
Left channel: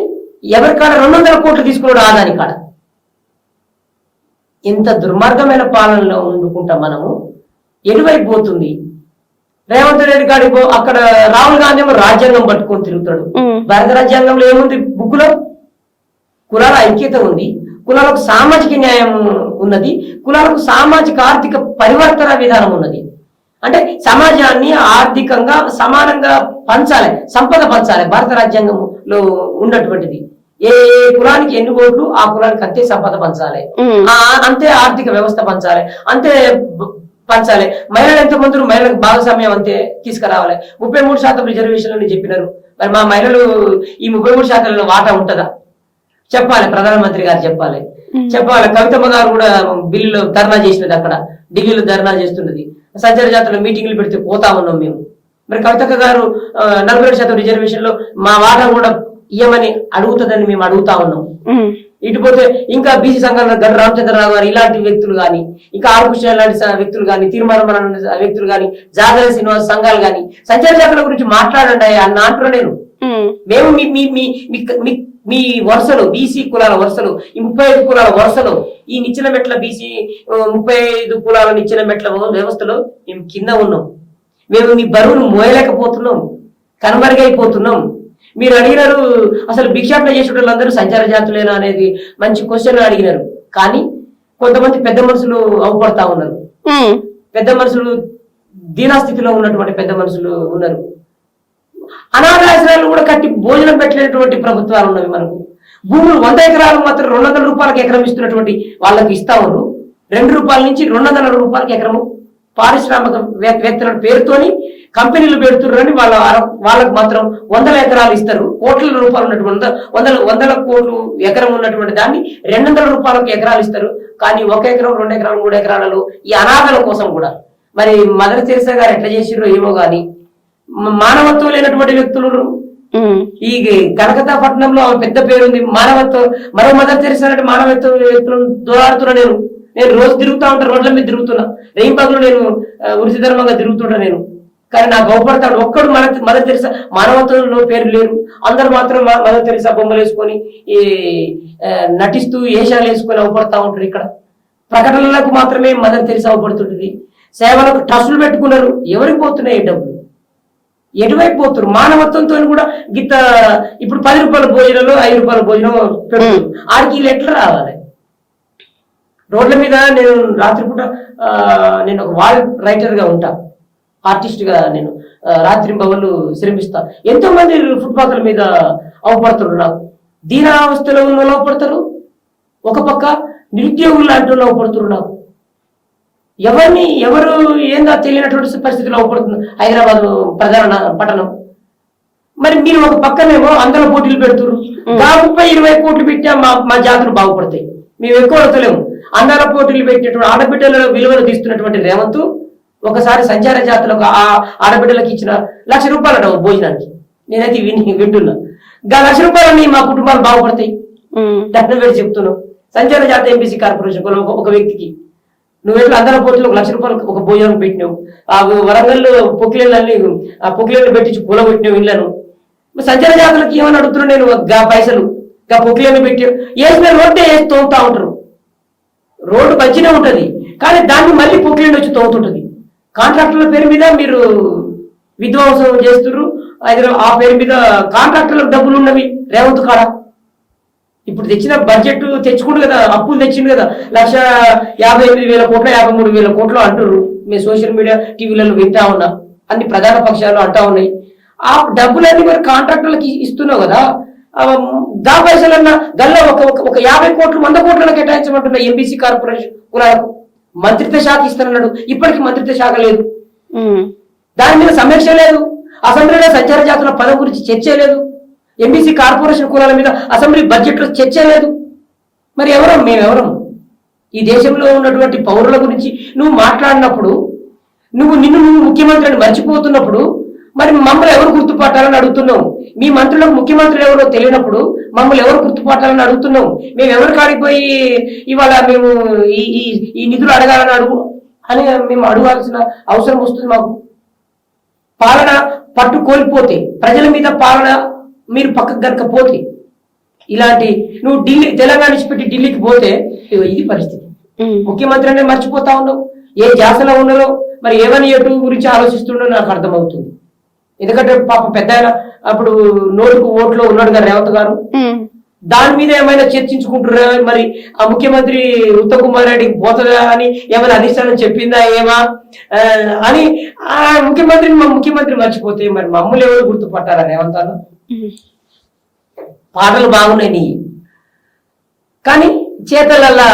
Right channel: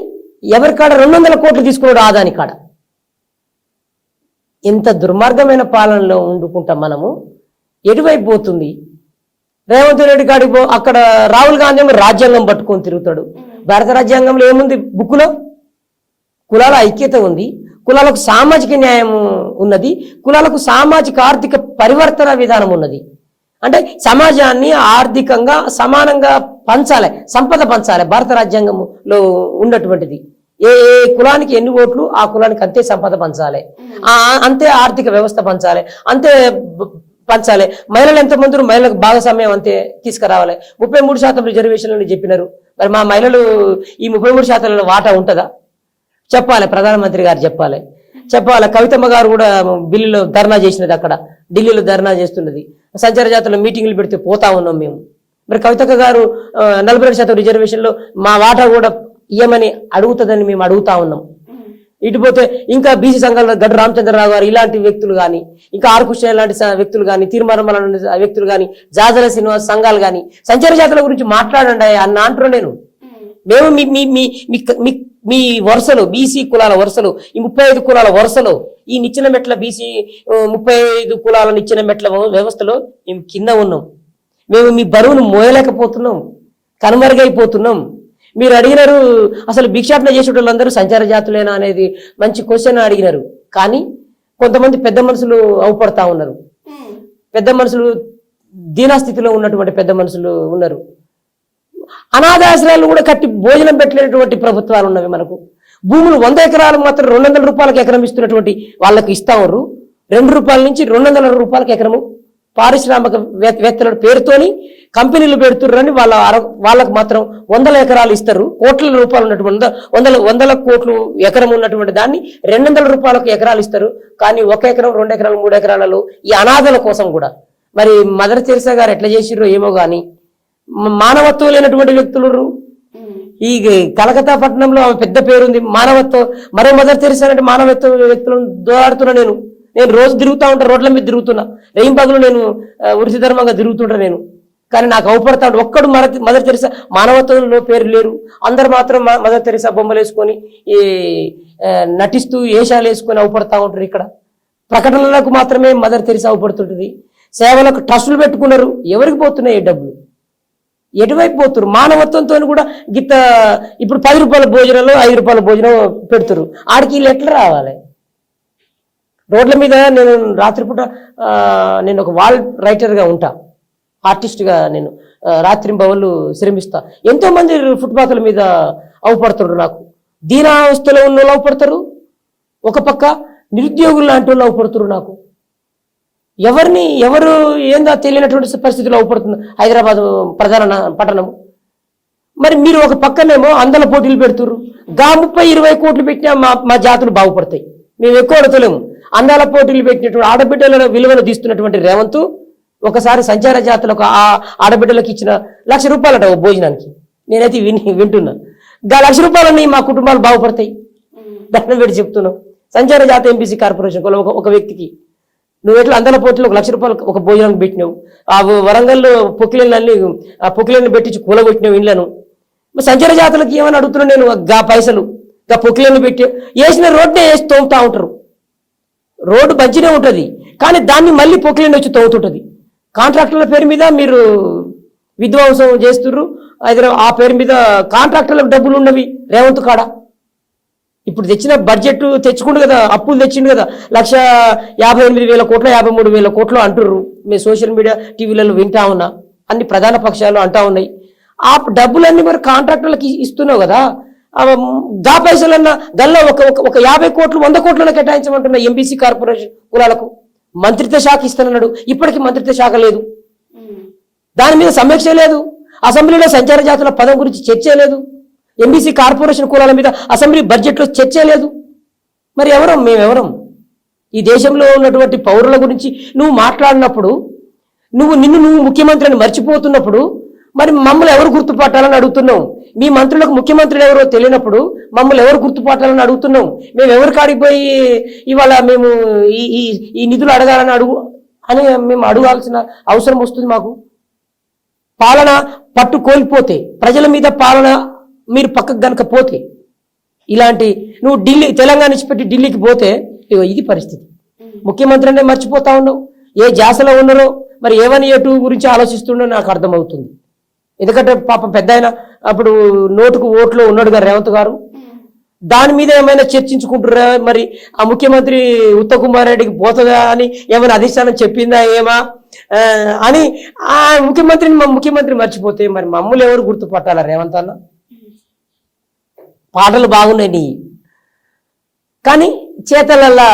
ఎవరి కాడ 200 కోట్లు తీసుకున్నాడు ఆదాని కాడ. ఎంత దుర్మార్గమైన పాలనలో ఉండుకుంటాం మనము. ఎటువైపు పోతుంది? రేవంత్ రెడ్డి గారికి అక్కడ రాహుల్ గాంధీ ఏమో రాజ్యాంగం పట్టుకొని తిరుగుతాడు. భారత రాజ్యాంగంలో ఏముంది? బుక్కులో కులాల ఐక్యత ఉంది, కులాలకు సామాజిక న్యాయం ఉన్నది, కులాలకు సామాజిక ఆర్థిక పరివర్తన విధానం ఉన్నది. అంటే సమాజాన్ని ఆర్థికంగా సమానంగా పంచాలి, సంపద పంచాలి భారత రాజ్యాంగంలో ఉన్నటువంటిది. ఏ కులానికి ఎన్ని ఓట్లు ఆ కులానికి అంతే సంపద పంచాలి, అంతే ఆర్థిక వ్యవస్థ పంచాలి, అంతే పంచాలి. మహిళలు ఎంతమంది మహిళలకు భాగస్వామ్యం అంతే తీసుకురావాలి. 33% రిజర్వేషన్లు చెప్పినారు. మరి మా మహిళలు ఈ 33% వాటా ఉంటుందా? చెప్పాలి, ప్రధానమంత్రి గారు చెప్పాలి. కవితమ్మ గారు కూడా బిల్లులో ధర్నా చేసినది, అక్కడ ఢిల్లీలో ధర్నా చేస్తున్నది. సంచార జాతరలో మీటింగ్లు పెడితే పోతా ఉన్నాం మేము. మరి కవితక్క గారు 42% రిజర్వేషన్ లో మా వాటా కూడా ఇయ్యమని అడుగుతుందని మేము అడుగుతా ఉన్నాం. ఇటుపోతే ఇంకా బీసీ సంఘాల గడ్డ రామచంద్రరావు గారు ఇలాంటి వ్యక్తులు గాని, ఇంకా ఆర్కృష్ణ లాంటి వ్యక్తులు గాని, తిరుమల వ్యక్తులు గాని, జాగర శ్రీనివాస సంఘాలు గాని సంచార జాతర గురించి మాట్లాడండి అన్న అంటున్నా నేను. మేము మీ వరుసలు, బీసీ కులాల వరుసలు, ఈ 35 కులాల వరుసలు, ఈ నిచ్చెన మెట్ల బీసీ 35 కులాల నిచ్చెన మెట్ల వ్యవస్థలో మేము కింద ఉన్నాం. మేము మీ బరువును మోయలేకపోతున్నాం, కనుమరుగైపోతున్నాం. మీరు అడిగినారు అసలు భిక్షాటన చేసే వాళ్ళందరూ సంచార జాతులేనా అనేది మంచి క్వశ్చన్ అడిగినారు. కానీ కొంతమంది పెద్ద మనుషులు అవుపడతా ఉన్నారు. పెద్ద మనుషులు దీనాస్థితిలో ఉన్నటువంటి పెద్ద మనుషులు ఉన్నారు. అనాథాశ్రయాలను కూడా కట్టి భోజనం పెట్టలేనటువంటి ప్రభుత్వాలు ఉన్నవి మనకు. భూములు 100 ఎకరాలు మాత్రం 200 రూపాయలకు ఎకరం ఇస్తున్నటువంటి వాళ్ళకి ఇస్తా ఉన్నారు. 2 రూపాయల నుంచి 200 రూపాయలకి ఎకరము పారిశ్రామిక వేత్తల పేరుతోని కంపెనీలు పెడుతున్నారని వాళ్ళకు మాత్రం 100 ఎకరాలు ఇస్తారు. కోట్ల రూపాయలు ఉన్నటువంటి 100 కోట్లు ఎకరం ఉన్నటువంటి దాన్ని 200 రూపాయలకు ఎకరాలు ఇస్తారు. కానీ 1 ఎకరం, 2 ఎకరాలు, 3 ఎకరాలలో ఈ అనాథల కోసం కూడా మరి మదర్ తెరెసా గారు ఎట్లా చేసిరో ఏమో గాని మానవత్వం లేనటువంటి వ్యక్తులు. ఈ కలకత్తా పట్టణంలో పెద్ద పేరుంది మానవత్వం. మరో మదర్ తెరెసా అంటే మానవత్వం వ్యక్తులను దోడుతున్నా నేను రోజు తిరుగుతా ఉంటా, రోడ్ల మీద తిరుగుతున్నా, రేయింపగలు నేను వృత్తి ధర్మంగా తిరుగుతుంటా నేను. కానీ నాకు అవపడతాడు ఒక్కడు మదర్ తెరెసా మానవత్వంలో పేరు లేరు. అందరు మాత్రం మదర్ తెరెసా బొమ్మలు వేసుకొని ఈ నటిస్తూ వేషాలు వేసుకొని అవపడతా ఉంటారు. ఇక్కడ ప్రకటనలకు మాత్రమే మదర్ తెరెసా అవపడుతుంటది. సేవలకు ట్రస్టులు పెట్టుకున్నారు. ఎవరికి పోతున్నాయి డబ్బులు? ఎటువైపు పోతున్నారు? మానవత్వంతో కూడా గిత్త ఇప్పుడు 10 రూపాయల భోజనంలో 5 రూపాయల భోజనం పెడుతున్నారు. ఆడికి వీళ్ళు ఎట్లా రావాలి? రోడ్ల మీద నేను రాత్రిపూట నేను ఒక వాల్ రైటర్ గా ఉంటా, ఆర్టిస్ట్ గా నేను రాత్రి బవళ్ళు శ్రమిస్తా. ఎంతో మంది ఫుట్పాత్ల మీద అవపడుతున్నారు. నాకు దీనావస్థలో ఉన్న వాళ్ళు అవపడతారు, ఒక పక్క నిరుద్యోగులు లాంటి వాళ్ళు అవపడుతున్నారు. నాకు ఎవరు ఏందో తెలియనటువంటి పరిస్థితుల్లో అవపడుతుంది హైదరాబాద్ ప్రధాన పట్టణం. మరి మీరు ఒక పక్కనేమో అందల పోటీలు పెడుతున్నారు. 30-20 కోట్లు పెట్టినా మా జాతులు బాగుపడతాయి. మేము ఎక్కువ అడతలేము. అందాల పోటీలు పెట్టినటువంటి ఆడబిడ్డల విలువలు తీస్తున్నటువంటి రేవంత్ ఒకసారి సంచార జాతులకు ఆ ఆడబిడ్డలకు ఇచ్చిన ₹1,00,000 అట భోజనానికి. నేనైతే వింటున్నా. 1,00,000 రూపాయలని మా కుటుంబాలు బాగుపడతాయి. దాన్ని పెట్టి చెప్తున్నావు. సంచార జాత ఎంపీసీ కార్పొరేషన్ ఒక వ్యక్తికి నువ్వు ఎట్లా అందల పోటీలో ₹1,00,000 ఒక భోజనం పెట్టినావు. ఆ వరంగల్లో పొక్కిళ్ళని పెట్టించి కూలబెట్టినావు ఇళ్లను. సంచార జాతులకు ఏమని అడుగుతున్నా నేను? పైసలు పొక్కిళ్ళని పెట్టావు. వేసిన రోడ్డే వేసి తోగుతా ఉంటారు. రోడ్డు మంచిగా ఉంటది, కానీ దాన్ని మళ్ళీ పొక్కిళ్ళని వచ్చి తోగుతుంటది. కాంట్రాక్టర్ల పేరు మీద మీరు విధ్వంసం చేస్తున్నారు. ఆ పేరు మీద కాంట్రాక్టర్లకు డబ్బులు ఉన్నవి రేవంత్ కాడ. ఇప్పుడు తెచ్చిన బడ్జెట్ తెచ్చుకుంటు కదా, అప్పులు తెచ్చిండు కదా, 1,58,000 కోట్లు 53,000 కోట్లు అంటున్నారు. మీ సోషల్ మీడియా టీవీలలో వింటా ఉన్నా, అన్ని ప్రధాన పక్షాలు అంటా ఉన్నాయి. ఆ డబ్బులన్నీ మరి కాంట్రాక్టర్లకి ఇస్తున్నావు కదా. దా పైసలన్నా గల్లా ఒక 50 కోట్లు 100 కోట్లను కేటాయించమంటున్నా ఎంబీసీ కార్పొరేషన్ కులాలకు. మంత్రిత్వ శాఖ ఇస్తానన్నాడు, ఇప్పటికీ మంత్రిత్వ శాఖ లేదు. దాని మీద సమీక్ష లేదు. అసెంబ్లీలో సంచార జాతుల పదం గురించి చర్చ లేదు. ఎంబీసీ కార్పొరేషన్ కులాల మీద అసెంబ్లీ బడ్జెట్ లో చర్చ లేదు. మరి ఎవరం? మేమెవరం? ఈ దేశంలో ఉన్నటువంటి పౌరుల గురించి నువ్వు మాట్లాడినప్పుడు, నిన్ను ముఖ్యమంత్రిని మర్చిపోతున్నప్పుడు, మరి మమ్మల్ని ఎవరు గుర్తుపట్టాలని అడుగుతున్నావు? మీ మంత్రులకు ముఖ్యమంత్రులు ఎవరో తెలియనప్పుడు మమ్మల్ని ఎవరు గుర్తుపట్టాలని అడుగుతున్నావు? మేము ఎవరు కాడిపోయి ఇవాళ మేము ఈ నిధులు అడగాలని అని మేము అడగాల్సిన అవసరం వస్తుంది మాకు. పాలన పట్టు కోల్పోతే, ప్రజల మీద పాలన మీరు పక్కకు గనక పోతే, ఇలాంటి నువ్వు తెలంగాణ ఇచ్చిపెట్టి ఢిల్లీకి పోతే ఇది పరిస్థితి. ముఖ్యమంత్రి అంటే మర్చిపోతా ఉన్నావు. ఏ జాసలో ఉన్నారో మరి ఏమని ఎటు గురించి ఆలోచిస్తుండో నాకు అర్థమవుతుంది. ఎందుకంటే పాపం పెద్ద ఆయన అప్పుడు నోటుకు ఓట్లో ఉన్నాడు కదా రేవంత్ గారు. దాని మీద ఏమైనా చర్చించుకుంటారా? మరి ఆ ముఖ్యమంత్రి ఉత్తమ్ కుమార్ రెడ్డికి పోతుందా అని ఏమైనా అధిష్టానం చెప్పిందా ఏమా అని ఆ ముఖ్యమంత్రి మర్చిపోతే మరి మమ్మల్ని ఎవరు గుర్తుపట్టాలా రేవంత్ అన్న? పాటలు బాగున్నాయి నీ, కానీ చేతలల్లా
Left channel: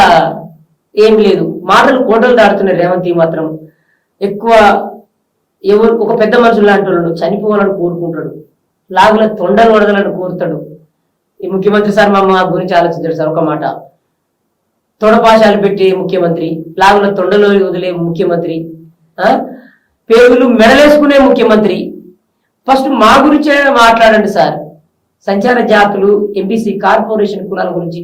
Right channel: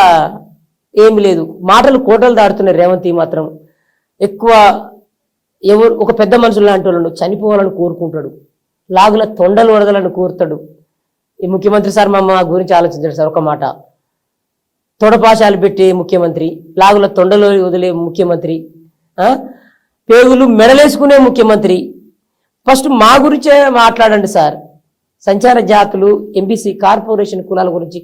ఏం లేదు. మాటలు కోటలు దాడుతున్నాయి. రేవంత్ మాత్రం ఎక్కువ ఎవరు ఒక పెద్ద మనుషులు లాంటి వాళ్ళు చనిపోవాలని కోరుకుంటాడు, లాగుల తొండలు వడదలని కోరుతాడు. ఈ ముఖ్యమంత్రి సార్ మా గురించి ఆలోచించాడు సార్. ఒక మాట, తొడపాశాలు పెట్టే ముఖ్యమంత్రి, లాగుల తొండలో వదిలే ముఖ్యమంత్రి, పేగులు మెడలేసుకునే ముఖ్యమంత్రి. ఫస్ట్ మా గురించే మాట్లాడండి సార్. సంచార జాతులు, ఎంబీసీ, కార్పొరేషన్ కులాల గురించి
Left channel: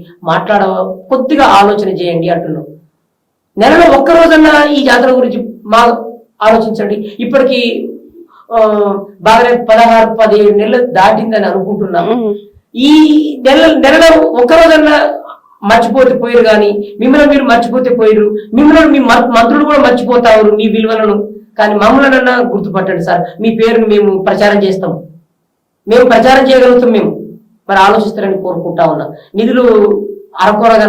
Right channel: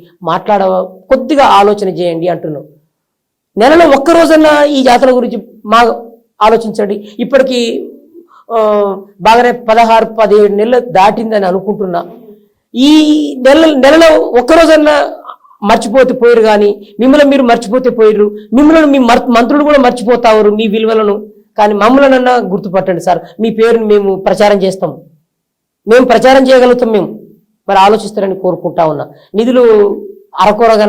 కొద్దిగా ఆలోచన చేయండి అంటున్నాం. నెలలో ఒక్కరోజన్నా ఈ జాతర గురించి మా ఆలోచించండి. ఇప్పటికీ బాగానే 16-17 నెలలు దాటిందని అనుకుంటున్నా. ఈ నెలలో ఒక్కరోజన్నా మర్చిపోతే పోయారు, కానీ మిమ్మల్ని మీరు మర్చిపోతే పోయారు. మిమ్మల్ని మీ మంత్రులు కూడా మర్చిపోతారు మీ విలువలను. కానీ మమ్మల్ని గుర్తుపట్టండి సార్. మీ పేరుని మేము ప్రచారం చేస్తాం, మేము ప్రచారం చేయగలుగుతాం. మేము మరి ఆలోచిస్తారని కోరుకుంటా ఉన్నా. నిధులు అరకొరగా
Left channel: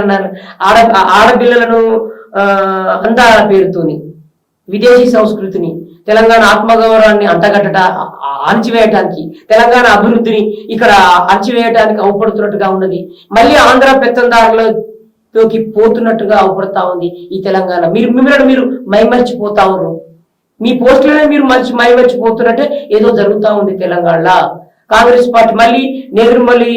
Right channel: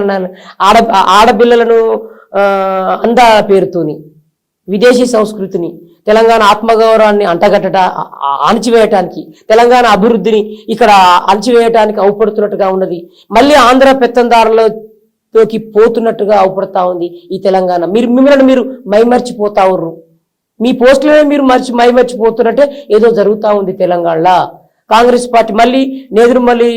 ఆడపిల్లలను అందా పేరుతోని, విదేశీ సంస్కృతిని, తెలంగాణ ఆత్మగౌరవాన్ని అణచివేయటానికి, తెలంగాణ అభివృద్ధిని ఇక్కడ అణచివేయటానికి అవపడుతున్నట్టుగా ఉన్నది. మళ్ళీ ఆంధ్ర పెత్తందారులతోకి పోతున్నట్టుగా అవపడతా ఉంది ఈ తెలంగాణ. మిమ్మల్ని మీరు మైమర్చిపోతా ఉన్నారు. మీ పోస్టులనే మీరు మైమర్చిపోతున్నట్టే ఏదో జరుగుతూ ఉంది తెలంగాణలో. కాంగ్రెస్ పార్టీ మళ్ళీ నేదురుమల్లి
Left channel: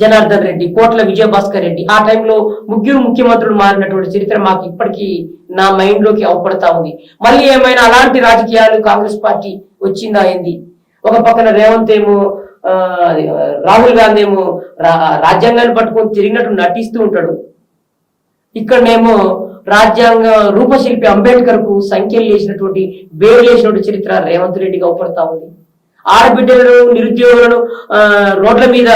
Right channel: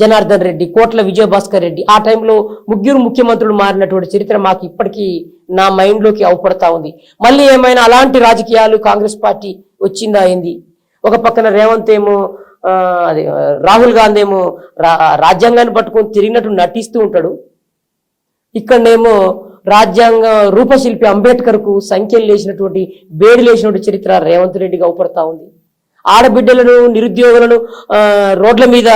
జనార్దన్ రెడ్డి, కోట్ల విజయభాస్కర్ రెడ్డి, ఆ టైంలో ముగ్గురు ముఖ్యమంత్రులు మారినటువంటి చరిత్ర మాకు ఇప్పటికీ నా మైండ్ లోకి అవపడతా ఉంది. మళ్ళీ ఏమైనా అలాంటి రాజకీయాలు కాంగ్రెస్ పార్టీ వచ్చిందా ఏంది? ఒక పక్కన రేవంత్ ఏమో రాహుల్ గాంధీ ఏమో రాజ్యాంగాన్ని పట్టుకొని తిరిగినట్టు నటిస్తూ ఉంటాడు. ఇక్కడనేమో రాజ్యాంగ రూపశిల్పి అంబేద్కర్ కు సంఖ్యలు లేచినటువంటి వేడు లేచినటువంటి చరిత్ర రేవంత్ రెడ్డికి అవపడతా ఉంది. ఆడబిడ్డలను, నిరుద్యోగులను రోడ్ల మీద,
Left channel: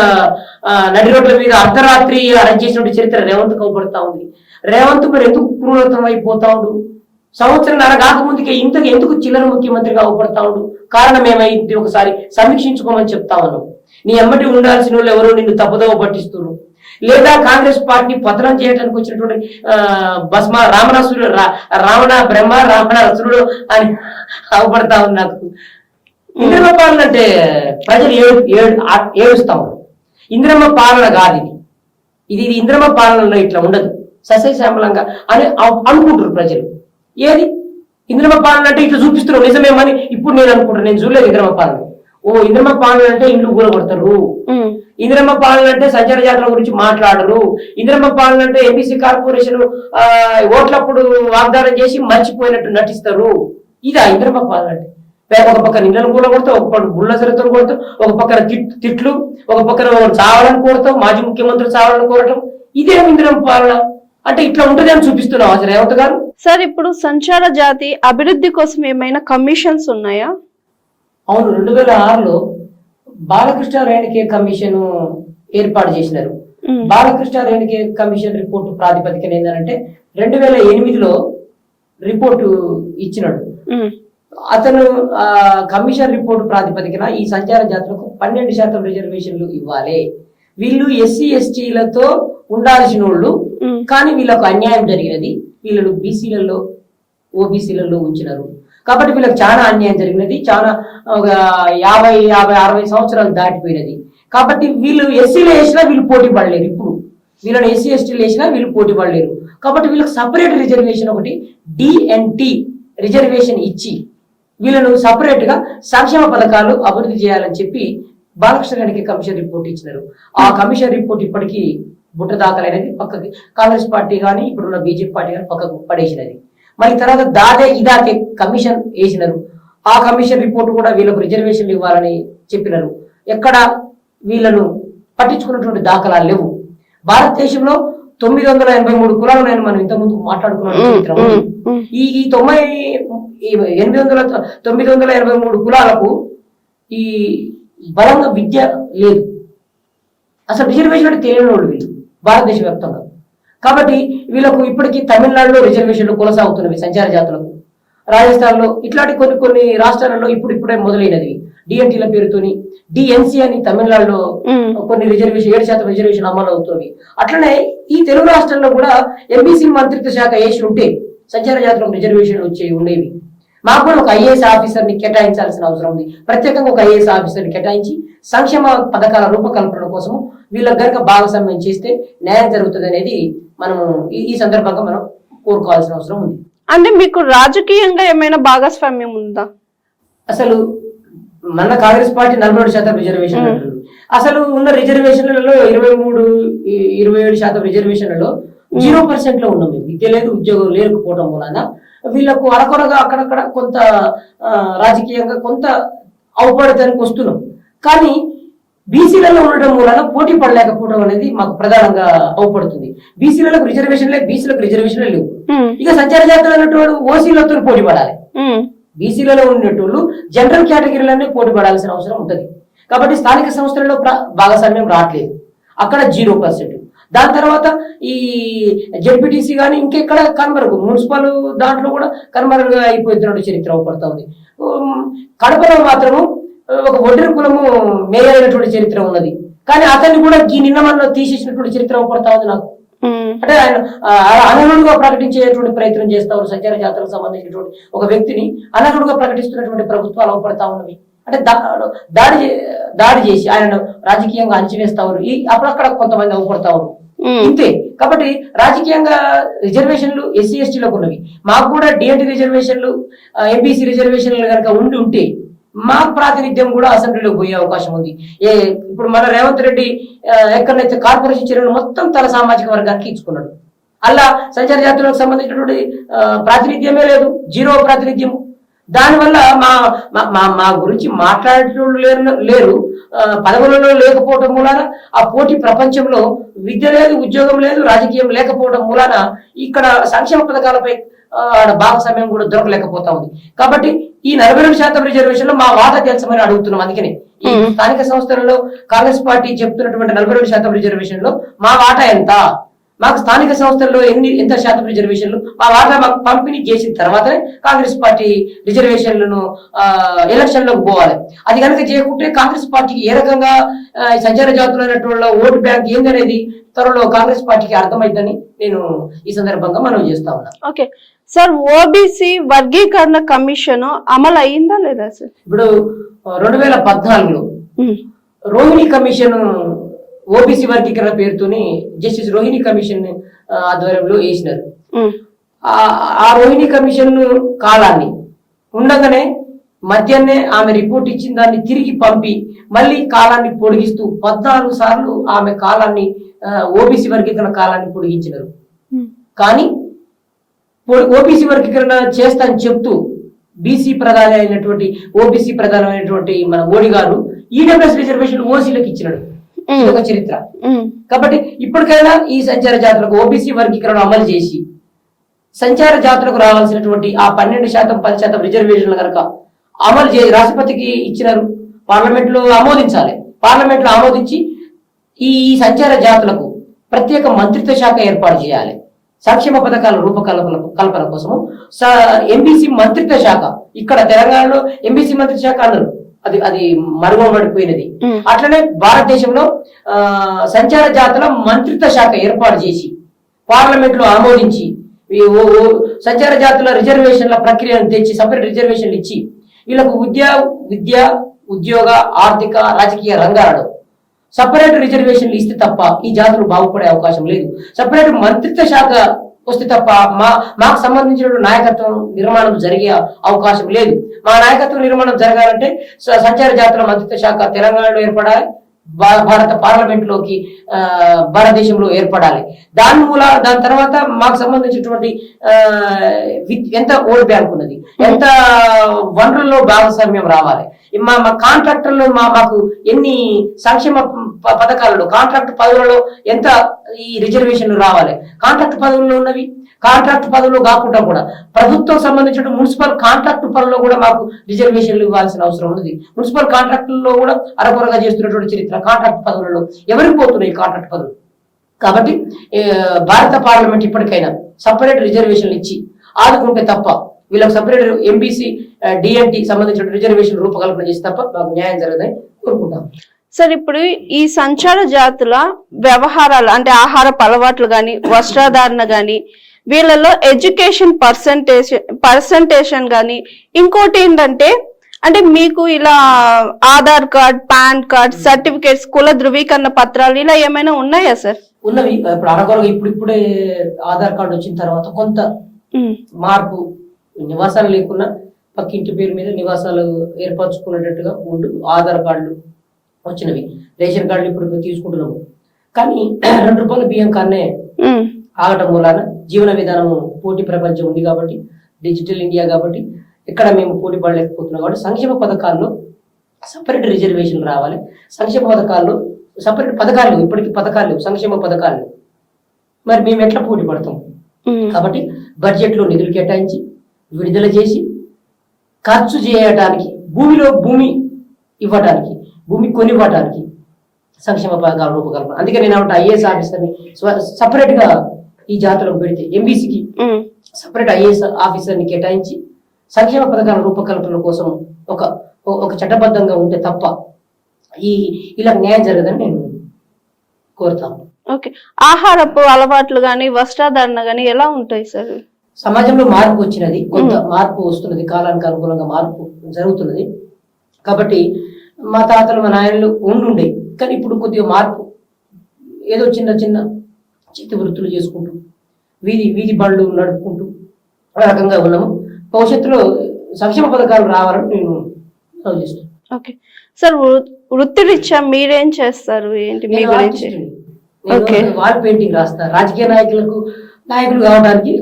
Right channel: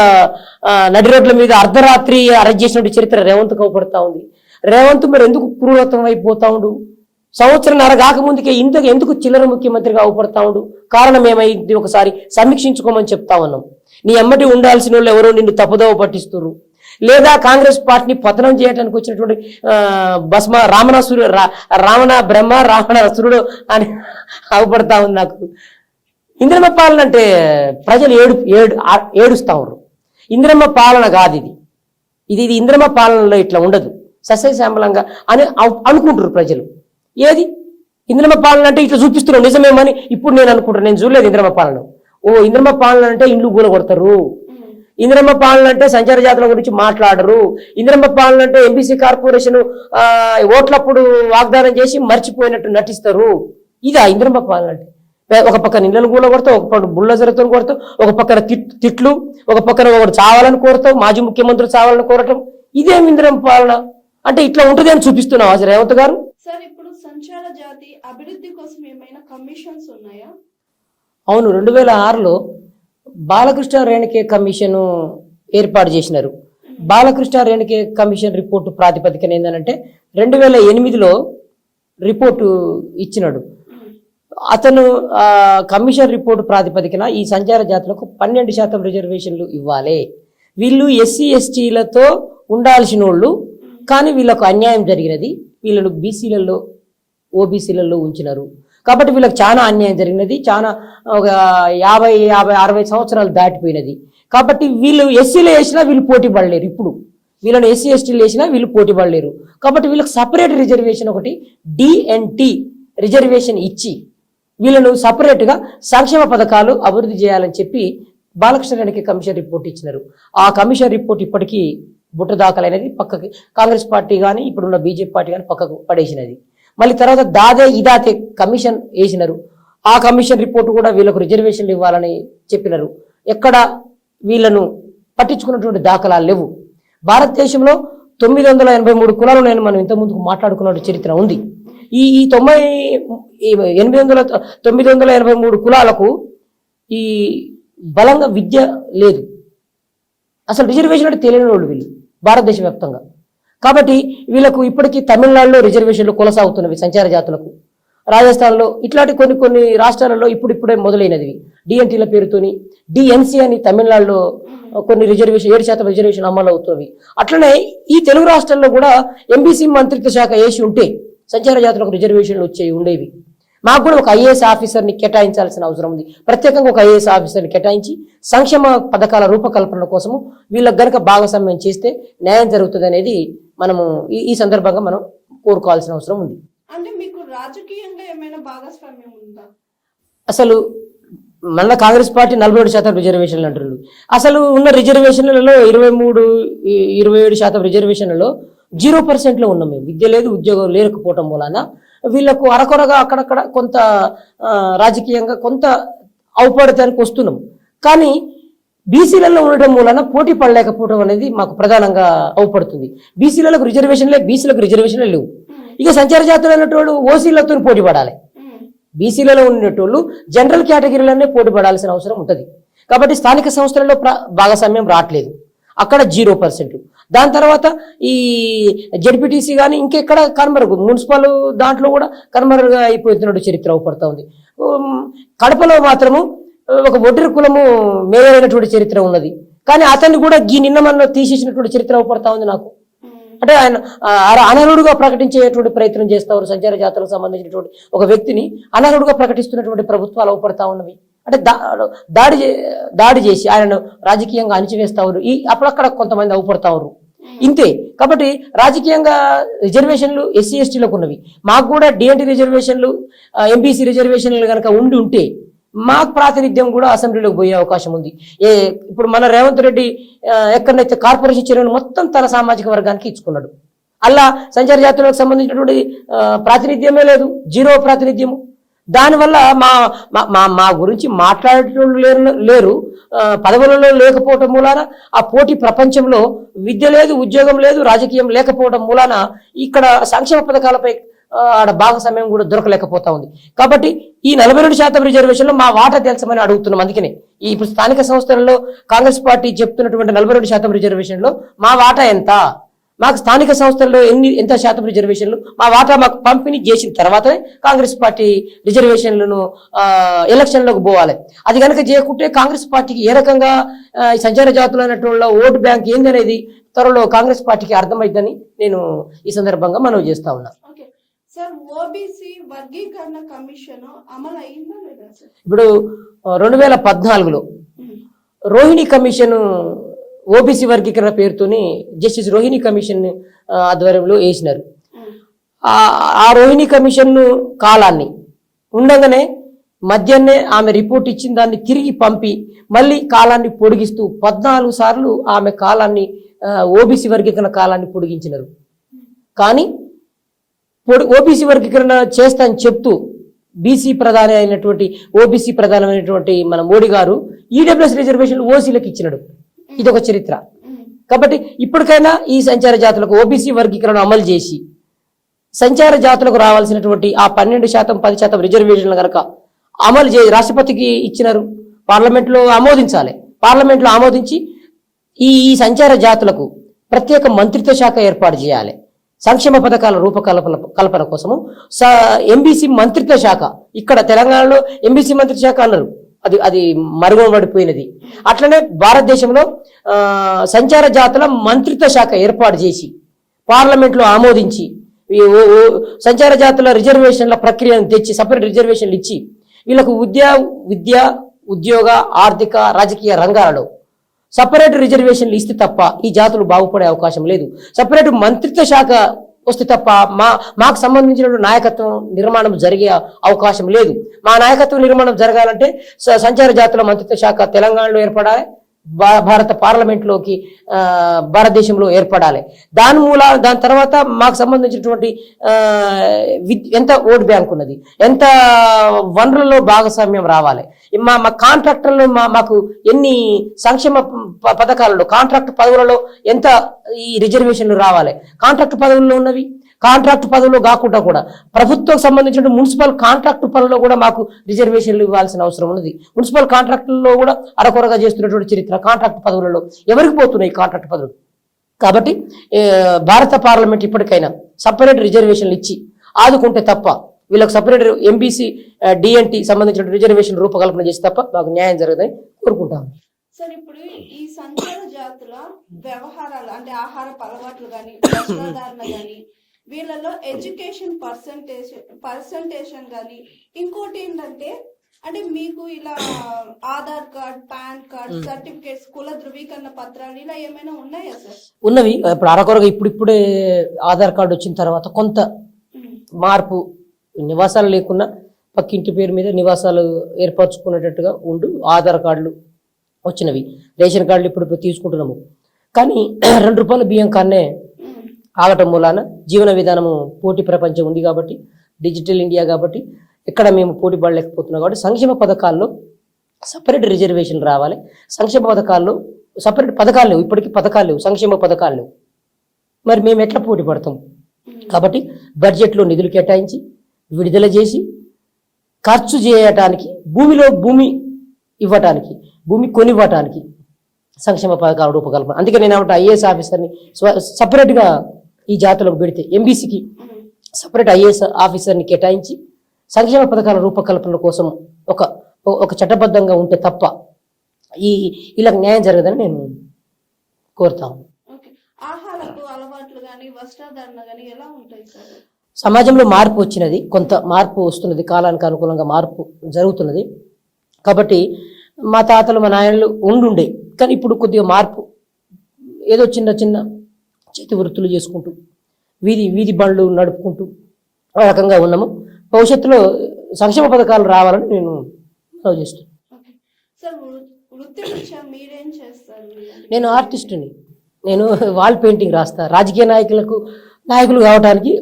నడి రోడ్ల మీద అర్ధరాత్రి అరెస్ట్ చేసినటువంటి చరిత్ర రేవంత్ అవపడతా ఉంది. రేవంత్ మరి ఎందుకు క్రూరత్వం అయిపోతా ఉండు? సంవత్సరంన్నర కాకముందుకే ఎందుకు చిల్లర ముఖ్యమంత్రిగా అవపడతా ఉండు? కారణం ఏమైంది ఒకసారి సమీక్షించుకోమని చెప్తా ఉన్నాం. నీ ఎమ్మటి ఉండాల్సిన వాళ్ళు ఎవరో నిన్ను తప్పుదోవ పట్టిస్తున్నారు, లేదా కాంగ్రెస్ పార్టీని పతనం చేయడానికి వచ్చినటువంటి భస్మ రావణ బ్రహ్మ రావణాసురుడు అని అవపడతా ఉంది నాకు. ఇంద్రమ్మ పాలన అంటే ప్రజలు ఏడుస్తా ఉన్నారు. ఇంద్రమ్మ పాలన కాదు ఇది ఇంద్రమ్మ పాలనలో ఇట్లా ఉండదు, సస్యశ్యామలంగా అని అనుకుంటారు ప్రజలు. ఏది ఇంద్రమ్మ పాలన అంటే ఇట్లా చూపిస్తున్నారు నిజమేమని ఇప్పుడు నేను అనుకుంటాను. నేను చూడలేదు ఇంద్రమ్మ పాలన. ఇంద్రమ్మ పాలన అంటే ఇల్లు కూల కొడతారు, ఇంద్రమ్మ పాలన అంటే సంచార జాతర గురించి మాట్లాడరు, ఇంద్రమ్మ పాలన అంటే ఎంపీసీ కార్పొరేషన్ ఓట్లప్పుడు వాగ్దానం చేసి మర్చిపోయినట్టు నటిస్తారు. ఇదా ఇంద్రమ్మ పాలన అంటే? ఒక పక్కన ఇళ్లను కూడా కొడతావు, ఒక పక్కన బుల్లజరతో కొడతావు, ఒక పక్కన తిట్లు, ఒక పక్కన చావాలని కోరతావు, మాజీ ముఖ్యమంత్రులు చావాలని కోరటం. ఇదే ఇంద్రమ్మ పాలన అంటే ఇట్లా ఉంటుంది అని చూపిస్తున్నావు అసలు రేవంత్ గారు. సార్, ఇప్పుడు సంచార జాతి అభివృద్ధి కోసం ఏమైనా కమిషన్స్ ఉన్నాయా? అవును, 2006లో బాలకృష్ణ రేణుకే కమిషన్ ఏర్పాటు చేసినారు. బాలకృష్ణ రేణుకే కమిషన్ రిపోర్టు ప్రాతిపదికన ఏంటంటే 2008లో రిపోర్టు ఇచ్చినాడు. అతను కమిషన్ రిపోర్టు ప్రాతిపదికన ఈ సంచార జాతులకు 12% రిజర్వేషన్లు ఇవ్వాలి, వీళ్ళు ఎస్సీ ఎస్టీలతో ఉండాల్సిన వాళ్ళు, కానీ వీళ్ళకు అన్యాయం జరిగినది, వీళ్ళను బీసీలలో ఓబీసీలలో ఉంచినారు కాబట్టి వీళ్ళకి చాలా అన్యాయం జరిగినది. చాలా ఒక 50-60 సంవత్సరాలు దాటిపోయినది కాబట్టి వీళ్ళు ఎస్సీలో వేసినా వీళ్ళు పోటీ పడలేరు. ఇప్పుడు వీళ్ళని ఎస్సీ ఎస్టీలు వేసినా వీళ్ళు పోటీ పడలేరు కాబట్టి వీళ్ళకి సపరేట్ రిజర్వేషన్ ఒకటి డిఎన్టీ రిజర్వేషన్ ఇచ్చి వీళ్ళను సపరేట్ గా సంక్షేమ పథకాలు అభివృద్ధి చేయాలని చెప్పి బాలకృష్ణ రేణుకే కమిషన్ రిపోర్ట్ ఇచ్చినారు. ఆ కమిషన్ రిపోర్ట్ ఇప్పటికీ బుట్ట దాఖలైనది, పక్కకి కాంగ్రెస్ పార్టీ కానీ ఇప్పుడున్న బీజేపీ పార్టీ కానీ పక్కకు పడేసినది. మళ్ళీ తర్వాత ఇదాకే కమిషన్ వేసినారు. ఆ కమిషన్ రిపోర్ట్ కూడా వీళ్ళకు రిజర్వేషన్లు ఇవ్వాలని చెప్పినారు. ఎక్కడ వీళ్ళను పట్టించుకున్నటువంటి దాఖలాలు లేవు. భారతదేశంలో 983 కులాలు మనం ఇంత ముందుకు మాట్లాడుకున్న చరిత్ర ఉంది. ఈ 983 కులాలకు ఈ బలంగా విద్య లేదు, అసలు రిజర్వేషన్ అంటే తెలియని వాళ్ళు వీళ్ళు భారతదేశ వ్యాప్తంగా. కాబట్టి వీళ్ళకు ఇప్పటికీ తమిళనాడులో రిజర్వేషన్లు కొనసాగుతున్నవి సంచార జాతులకు, రాజస్థాన్ లో ఇట్లాంటి కొన్ని రాష్ట్రాలలో ఇప్పుడే మొదలైనది. డిఎన్టీల పేరుతోని డిఎన్సీ అని తమిళనాడులో కొన్ని రిజర్వేషన్ 7% రిజర్వేషన్ అమలు అవుతుంది. అట్లనే ఈ తెలుగు రాష్ట్రాల్లో కూడా ఎంబీసీ మంత్రిత్వ శాఖ వేసి ఉంటే సంచార జాతులకు రిజర్వేషన్లు ఉండేవి. మాకు కూడా ఒక ఐఏఎస్ ఆఫీసర్ని కేటాయించాల్సిన అవసరం ఉంది. ప్రత్యేకంగా ఒక ఐఏఎస్ ఆఫీసర్ని కేటాయించి సంక్షేమ పథకాల రూపకల్పన కోసము వీళ్ళకి గనుక భాగస్వామ్యం చేస్తే న్యాయం జరుగుతుంది అనేది మనము ఈ సందర్భంగా మనం కోరుకోవాల్సిన అవసరం ఉంది. అంటే మీకు రాజకీయంగా ఏమైనా భాగస్వామ్యం ఉందా? అసలు మన కాంగ్రెస్ పార్టీ 47% రిజర్వేషన్ అంటారు. అసలు ఉన్న రిజర్వేషన్లలో 27% రిజర్వేషన్లలో 0% లో ఉన్నాం మేము. విద్య లేదు, ఉద్యోగం లేకపోవడం వలన వీళ్ళకు అరకొరగా అక్కడక్కడ కొంత రాజకీయంగా కొంత అవపడటానికి వస్తున్నాం. కానీ బీసీలలో ఉండటం వలన పోటీ పడలేకపోవడం అనేది మాకు ప్రధానంగా అవపడుతుంది. బీసీలకు రిజర్వేషన్ లేదు, బీసీలకు రిజర్వేషన్ లేవు. ఇక సంచార జాతులు అన్నటువంటి ఓసీలతో పోటీ పడాలి. బీసీలలో ఉండేటోళ్ళు జనరల్ కేటగిరీలోనే పోటీ పడాల్సిన అవసరం ఉంటుంది. కాబట్టి స్థానిక సంస్థలలో భాగస్వామ్యం రావట్లేదు, అక్కడ 0%. దాని తర్వాత ఈ జెడ్పీటీసీ కానీ ఇంకెక్కడ కనుమరుగు, మున్సిపల్ దాంట్లో కూడా కనుమరుగా అయిపోతున్నట్టు చరిత్ర అవపడతా ఉంది. కడపలో మాత్రము ఒక ఒడ్రి కులము మేయర్ అయినటువంటి చరిత్ర ఉన్నది. కానీ అతన్ని కూడా ఈ నిన్న మన తీసేసినటువంటి చరిత్ర అవపడతా ఉంది నాకు. అంటే ఆయన అనర్హుడుగా ప్రకటించేటువంటి ప్రయత్నం చేస్తా ఉన్నారు. సంచార జాతులకు సంబంధించినటువంటి ఒక వ్యక్తిని అనర్హుడుగా ప్రకటిస్తున్నటువంటి ప్రభుత్వాలు అవపడతా ఉన్నవి. అంటే దాడి చేసి ఆయనను రాజకీయంగా అణచివేస్తా ఉన్నారు. అప్పుడక్కడ కొంతమంది అవపడతా ఉన్నారు. ఇంతే. కాబట్టి రాజకీయంగా రిజర్వేషన్లు ఎస్సీ ఎస్టీలకు ఉన్నవి. మాకు కూడా డిఎన్టీ రిజర్వేషన్లు, ఎంబీసీ రిజర్వేషన్లు కనుక ఉంటే మాకు ప్రాతినిధ్యం కూడా అసెంబ్లీలోకి పోయే అవకాశం ఉంది. ఇప్పుడు మన రేవంత్ రెడ్డి ఎక్కడైతే కార్పొరేషన్ చర్యలు మొత్తం తల సామాజిక వర్గానికి ఇచ్చుకున్నాడు. అలా సంచార జాతులకు సంబంధించినటువంటి ప్రాతినిధ్యమే లేదు, 0 ప్రాతినిధ్యం. దానివల్ల మా గురించి మాట్లాడేటోళ్ళు లేరు, పదవులలో లేకపోవడం మూలాన ఆ పోటీ ప్రపంచంలో విద్య లేదు, ఉద్యోగం లేదు, రాజకీయం లేకపోవడం మూలాన ఇక్కడ సంక్షేమ పథకాలపై భాగస్వామ్యం కూడా దొరకలేకపోతా ఉంది. కాబట్టి ఈ 42% రిజర్వేషన్ లో మా వాటా తెలుసమని అడుగుతున్నాం. అందుకనే ఈ స్థానిక సంస్థలలో కాంగ్రెస్ పార్టీ చెప్తున్నటువంటి 42% రిజర్వేషన్ లో మా వాటా ఎంత, మాకు స్థానిక సంస్థల్లో ఎంత శాతం రిజర్వేషన్లు మా వాటా మాకు పంపిణీ చేసిన తర్వాతనే కాంగ్రెస్ పార్టీ రిజర్వేషన్లను ఎలక్షన్లకు పోవాలి. అది కనుక చేయకుంటే కాంగ్రెస్ పార్టీకి ఏ రకంగా సంచార జాతులైనటువంటి ఓటు బ్యాంక్ ఏందనేది త్వరలో కాంగ్రెస్ పార్టీకి అర్థమైందని నేను ఈ సందర్భంగా మనం చేస్తా ఉన్నా. ఓకే సార్, ఓబీసీ వర్గీకరణ కమిషన్ అమలు అయిందా లేదా సార్? ఇప్పుడు 2014లో రోహిణి కమిషన్ ఓబీసీ వర్గీకరణ పేరుతోని జస్టిస్ రోహిణి కమిషన్ ఆధ్వర్యంలో వేసినారు. ఆ రోహిణి కమిషన్ కాలాన్ని ఉండగానే మధ్యాహ్నే ఆమె రిపోర్ట్ ఇచ్చిన దాన్ని తిరిగి పంపి మళ్ళీ కాలాన్ని పొడిగిస్తూ 14 సార్లు ఆమె కాలాన్ని ఓబీసీ వర్గీకరణ కాలాన్ని పొడిగించినారు. కానీ ఓబీసీ వర్గీకరణ చేస్తా అని చెప్తూ బీసీ ప్రధాని అయినటువంటి ఓబీసీ ప్రధానమైనటువంటి మన మోడీ గారు ఈడబ్ల్యూఎస్ రిజర్వేషన్ ఓసీలకు ఇచ్చినాడు. ఇదొక చరిత్ర. కాబట్టి ఇప్పటికైనా ఈ సంచార జాతులకు ఓబీసీ వర్గీకరణ అమలు చేసి సంచార జాతులకు రావాల్సినటువంటి ఆ 12%, 10% రిజర్వేషన్లు కనుక అమలు చేసి రాష్ట్రపతికి ఇచ్చినారు, పార్లమెంట్ లో ఆమోదించాలి. పార్లమెంట్ లో ఆమోదించి ఈ సంచార జాతులకు ప్రత్యేక మంత్రిత్వ శాఖ ఏర్పాటు చేయాలి. సంక్షేమ పథకాల రూపకల్పన కోసము ఎంబీసీ మంత్రిత్వ శాఖ, ఇక్కడ తెలంగాణలో ఎంబీసీ మంత్రిత్వ శాఖ అన్నారు, అది మరుగుపడిపోయినది. అట్లనే భారతదేశంలో సంచార జాతుల మంత్రిత్వ శాఖ ఏర్పాటు చేసి పార్లమెంట్ లో ఆమోదించి సంచార జాతుల రిజర్వేషన్ల ప్రక్రియను తెచ్చి సపరేట్ రిజర్వేషన్లు ఇచ్చి వీళ్ళకు విద్య, ఉద్యోగ, ఆర్థిక, రాజకీయ రంగాలలో సపరేట్ రిజర్వేషన్లు ఇస్తే తప్ప ఈ జాతులు బాగుపడే అవకాశం లేదు. సపరేట్ మంత్రిత్వ శాఖ వస్తే తప్ప మాకు సంబంధించిన నాయకత్వం నిర్మాణం జరిగే అవకాశం లేదు. మా నాయకత్వం నిర్మాణం జరగాలంటే సంచార జాతుల మంత్రిత్వ శాఖ తెలంగాణలో ఏర్పడాలి, భారత పార్లమెంట్ లోకి భారతదేశంలో ఏర్పడాలి. దాని తర్వాత మాకు సంబంధించినటువంటి ఎంత ఓట్ బ్యాంక్ ఉన్నది, ఎంత వనరుల్లో భాగస్వామ్యం రావాలి, మా కాంట్రాక్టర్లో మాకు ఎన్ని సంక్షేమ పథకాలలో కాంట్రాక్ట్ పదవులలో ఎంత ఈ రిజర్వేషన్లు రావాలి, కాంట్రాక్ట్ పదవుల్లో ఉన్నవి కాంట్రాక్ట్ పదవుల్లో కాకుండా కూడా ప్రభుత్వం సంబంధించిన మున్సిపల్ కాంట్రాక్ట్ పనుల్లో కూడా మాకు రిజర్వేషన్లు ఇవ్వాల్సిన అవసరం ఉన్నది. మున్సిపల్ కాంట్రాక్టుల్లో కూడా అరకొరగా చేస్తున్నటువంటి చరిత్ర కాంట్రాక్ట్ పదవులలో ఎవరికి పోతున్నాయి కాంట్రాక్ట్ పదవులు. కాబట్టి భారత పార్లమెంట్ ఇప్పటికైనా సపరేట్ రిజర్వేషన్లు ఇచ్చి ఆదుకుంటే తప్ప వీళ్ళకి సపరేట్ ఎంబీసీ డిఎన్టీ సంబంధించిన రిజర్వేషన్ రూపకల్పన చేసి తప్ప మాకు న్యాయం జరగదని కోరుకుంటాం. సార్, ఇప్పుడు ఈ సంచార జాతుల వ్యవహారాలు అంటే ఆహారపు అలవాట్లు గాని, వస్త్రధారణ గాని, వీళ్ళలో ఎడ్యుకేషన్ పర్సంటేషన్ కానీ ఇంకోటి ఏంటంటే అంటే మీకు ఇలా Aadhaar card, pan card, certificates, కుల ధృవీకరణ పత్రాలు ఇలా ఏమైనా ఉన్నాయా సార్? ఉన్నవి. ఇప్పుడు అరకొరగా ఇప్పుడిప్పుడే ఆధార్ కార్డు వచ్చిన తర్వాత కొంత మార్పు, నివాసాలు లేకున్నా పక్కింటి పేరు మీద నివాసాలు ఏర్పరచుకునేటట్టుగా ఉండు ఆధార్ కార్డులు వచ్చినవి. రేషన్ కార్డులు ఇప్పుడు తీసుకుంటున్నాము. కానీ 2 రూపాయల బియ్యం కన్నే ఆగటం మూలాన జీవన విధానం పోటీ ప్రపంచం ఉంది కాబట్టి, డిజిటల్ ఇండియా కాబట్టి ఇక్కడ మేము పోటీ పడలేకపోతున్నాం. కాబట్టి సంక్షేమ పథకాల్లో సపరేట్ రిజర్వేషన్ రావాలి. సంక్షేమ పథకాల్లో సపరేట్ పథకాలు, ఇప్పటికీ పథకాలు, సంక్షేమ పథకాలు మరి మేము ఎట్లా పోటీ పడతాం? కాబట్టి బడ్జెట్లో నిధులు కేటాయించి విడుదల చేసి ఖర్చు చేయటానికి, భూమి ఇవ్వటానికి, భూమి కొనివ్వటానికి సంక్షేమ పథకాల రూపకల్పన. అందుకే నేను ఐఏఎస్ ఆఫీసర్ని సపరేట్ గా ఈ జాతులకు పెడితే, ఎంబీసీకి సపరేట్ ఐఏఎస్ ఆఫీసర్ని కేటాయించి సంక్షేమ పథకాల రూపకల్పన కోసం ఒక చట్టబద్ధంగా ఉంటే తప్ప ఇలా న్యాయం జరగదని నేను కోరుతాను. ఓకే, ఆహారపు అలవాట్లు కానీ వస్త్రధారణ కానీ ఎలా ఉంటాయి సార్? సమాజంలో మార్పు వచ్చినది, కొంత మార్పు వస్తున్నది, కాలానికి అనుకూలంగా మార్పు జరుగుతున్నది. కాబట్టి మా తాతలు, మా నాయనలు ఉండుండే, కానీ ఇప్పుడు కొద్దిగా మార్పు, ఏదో చిన్న చిన్న చేతి వృత్తులు చేసుకుంటూ వీధి బళ్ళు నడుపుకుంటూ ఆ రకంగా ఉన్నాము. భవిష్యత్తులో సంక్షేమ పథకాలు రావాలని నేను ఆలోచిస్తాను. ఓకే సార్, వృత్తిరీత్యా మీరేం చేస్తారు? ఏంటి? నేను ఆర్టిస్ట్ని. నేను వాల్ పెయింటింగ్ రాస్తా. రాజకీయ నాయకులు కావడానికి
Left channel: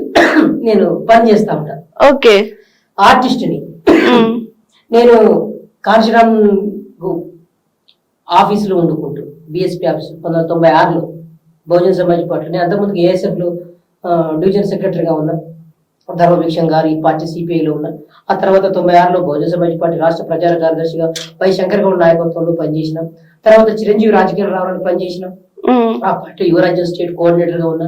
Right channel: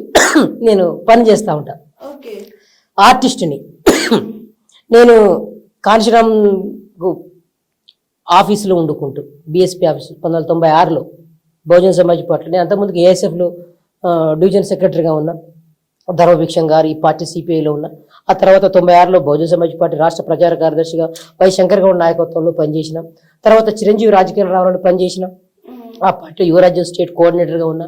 నేను పని చేస్తా ఉంటాను. ఓకే, ఆర్టిస్ట్ని. నేను కాంచీరామ్ ఆఫీసులో వండుకుంటూ, BSP office 1996లో Bahujan Samaj party. నేను అంతకుముందుకు ఏఎస్ఎఫ్లో డివిజన్ సెక్రటరీగా ఉన్నా. ధర్మభిక్షం గారు ఈ పార్టీ సిపిఐలో ఉన్నా. ఆ తర్వాత 96లో బహుజన సమాజ్ పార్టీ రాష్ట్ర ప్రచార కార్యదర్శిగా వై శంకర్ గౌడ్ నాయకత్వంలో పనిచేసిన. తర్వాత చిరంజీవి రాజకీయాలు రావాలని పనిచేసిన. ఆ పార్టీ యువరాజ్యం స్టేట్ కోఆర్డినేటర్ గా ఉన్నా.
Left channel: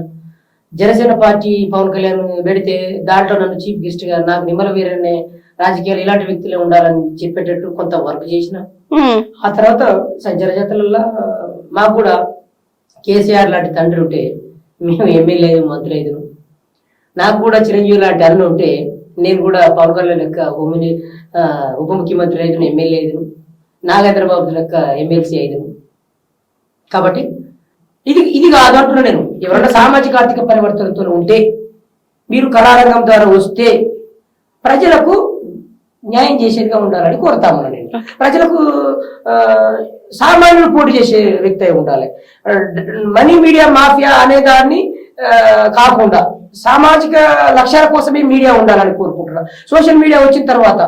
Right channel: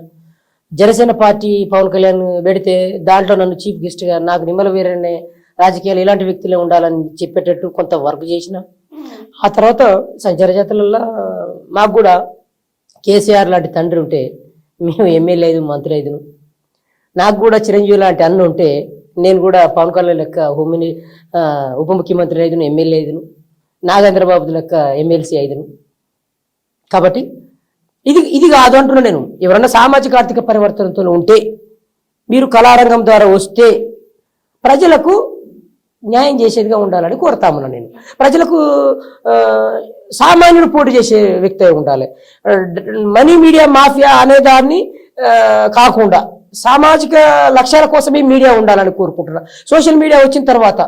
జనసేన పార్టీ పవన్ కళ్యాణ్ పెడితే దాంట్లో నన్ను చీఫ్ గెస్ట్ గా, నాకు నిమ్మల వీరనే రాజకీయాలు ఇలాంటి వ్యక్తులే ఉండాలని చెప్పేటట్టు కొంత వర్క్ చేసిన. ఆ తర్వాత సంచార జాతరలలో మాకు కూడా కేసీఆర్ లాంటి తండ్రి ఉంటే మేము ఎమ్మెల్యే అయ్యి, మంత్రి అయ్యాను. నాకు కూడా చిరంజీవి లాంటి అన్న ఉంటే నేను కూడా పవన్ కళ్యాణ్ లెక్క ఉప ముఖ్యమంత్రి అయ్యాను, ఎమ్మెల్యే అయ్యాను. నాగేంద్రబాబు లెక్క ఎమ్మెల్సీ అయ్యాను. కాబట్టి ఇది కాదు అంటున్నా నేను. ఎవరైనా సామాజిక ఆర్థిక పరివర్తనతో ఉంటే, మీరు కళారంగం ద్వారా వస్తే ప్రజలకు న్యాయం చేసేదిగా ఉండాలని కోరుతాము. నేను ప్రజలకు సామాన్యులు పోటీ చేసే వ్యక్తి అయి ఉండాలి. మనీ మీడియా మాఫియా అనే దాన్ని కాకుండా సామాజిక లక్ష్యాల కోసమే మీడియా ఉండాలని కోరుకుంటున్నా. సోషల్ మీడియా వచ్చిన తర్వాత,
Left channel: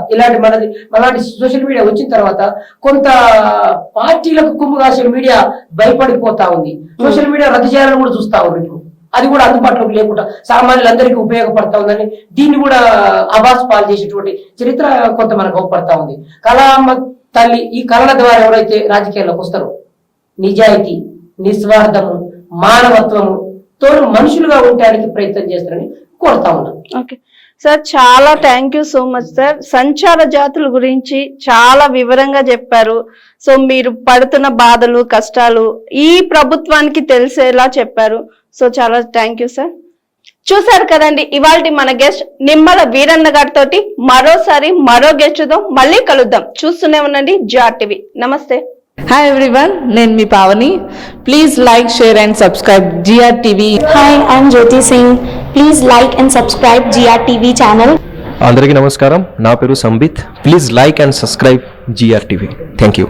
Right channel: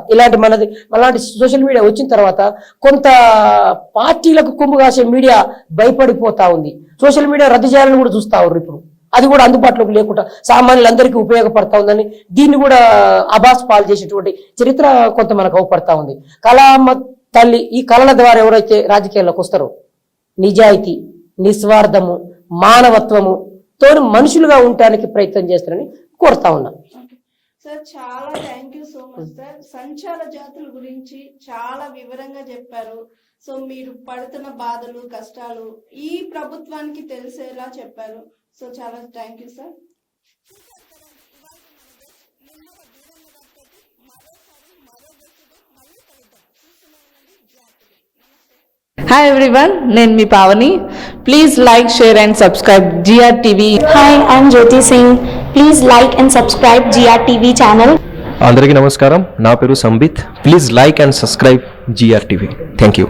అలాంటి సోషల్ మీడియా వచ్చిన తర్వాత కొంత పార్టీలకు కొమ్ము కాసే మీడియా భయపడిపోతా ఉంది. సోషల్ మీడియా రద్దు చేయాలని కూడా చూస్తా ఉన్నారు. ఇప్పుడు అది కూడా అందుబాటులోకి లేకుండా సామాన్యులందరికీ ఉపయోగపడతా ఉందని దీన్ని కూడా అబాస్ పాలు చేసేటువంటి చరిత్ర కొంత మనకు అవపడతా ఉంది. కళామ్మ తల్లి ఈ కళల ద్వారా ఎవరైతే రాజకీయాల్లోకి వస్తారో, నిజాయితీ, నిస్వార్థము, మానవత్వము తోడు మనుషులుగా ఉండడానికి ప్రయత్నం చేస్తారని కోరుతా ఉన్నా. ఓకే సార్, చాలా thank you so much sir. సంచార జాతుల గురించి చాలా వివరంగా చెప్పారు. సో మీరు పడుతున్న బాధలు, కష్టాలు ఈ ప్రభుత్వానికి తెలిసేలా చెప్పారు. సో చాలా థ్యాంక్ యూ సార్. చూసారు కదండి, ఇవాళ మన గెస్ట్ నిమ్మల వీరన్న గారితో మరోసారి మరో గెస్ట్ తో మళ్ళీ కలుద్దాం. చూస్తూనే ఉండండి జిఆర్ టీవీ. నమస్తే. Hi everyone, నేను మీ Pavani. Please like, share and subscribe GR TV. Hi, I'm Jyoti Singh. Please like and subscribe GR TV channel. అందరికీ నమస్కారం, నా పేరు Sambit. Please like and subscribe GR TV. Thank you.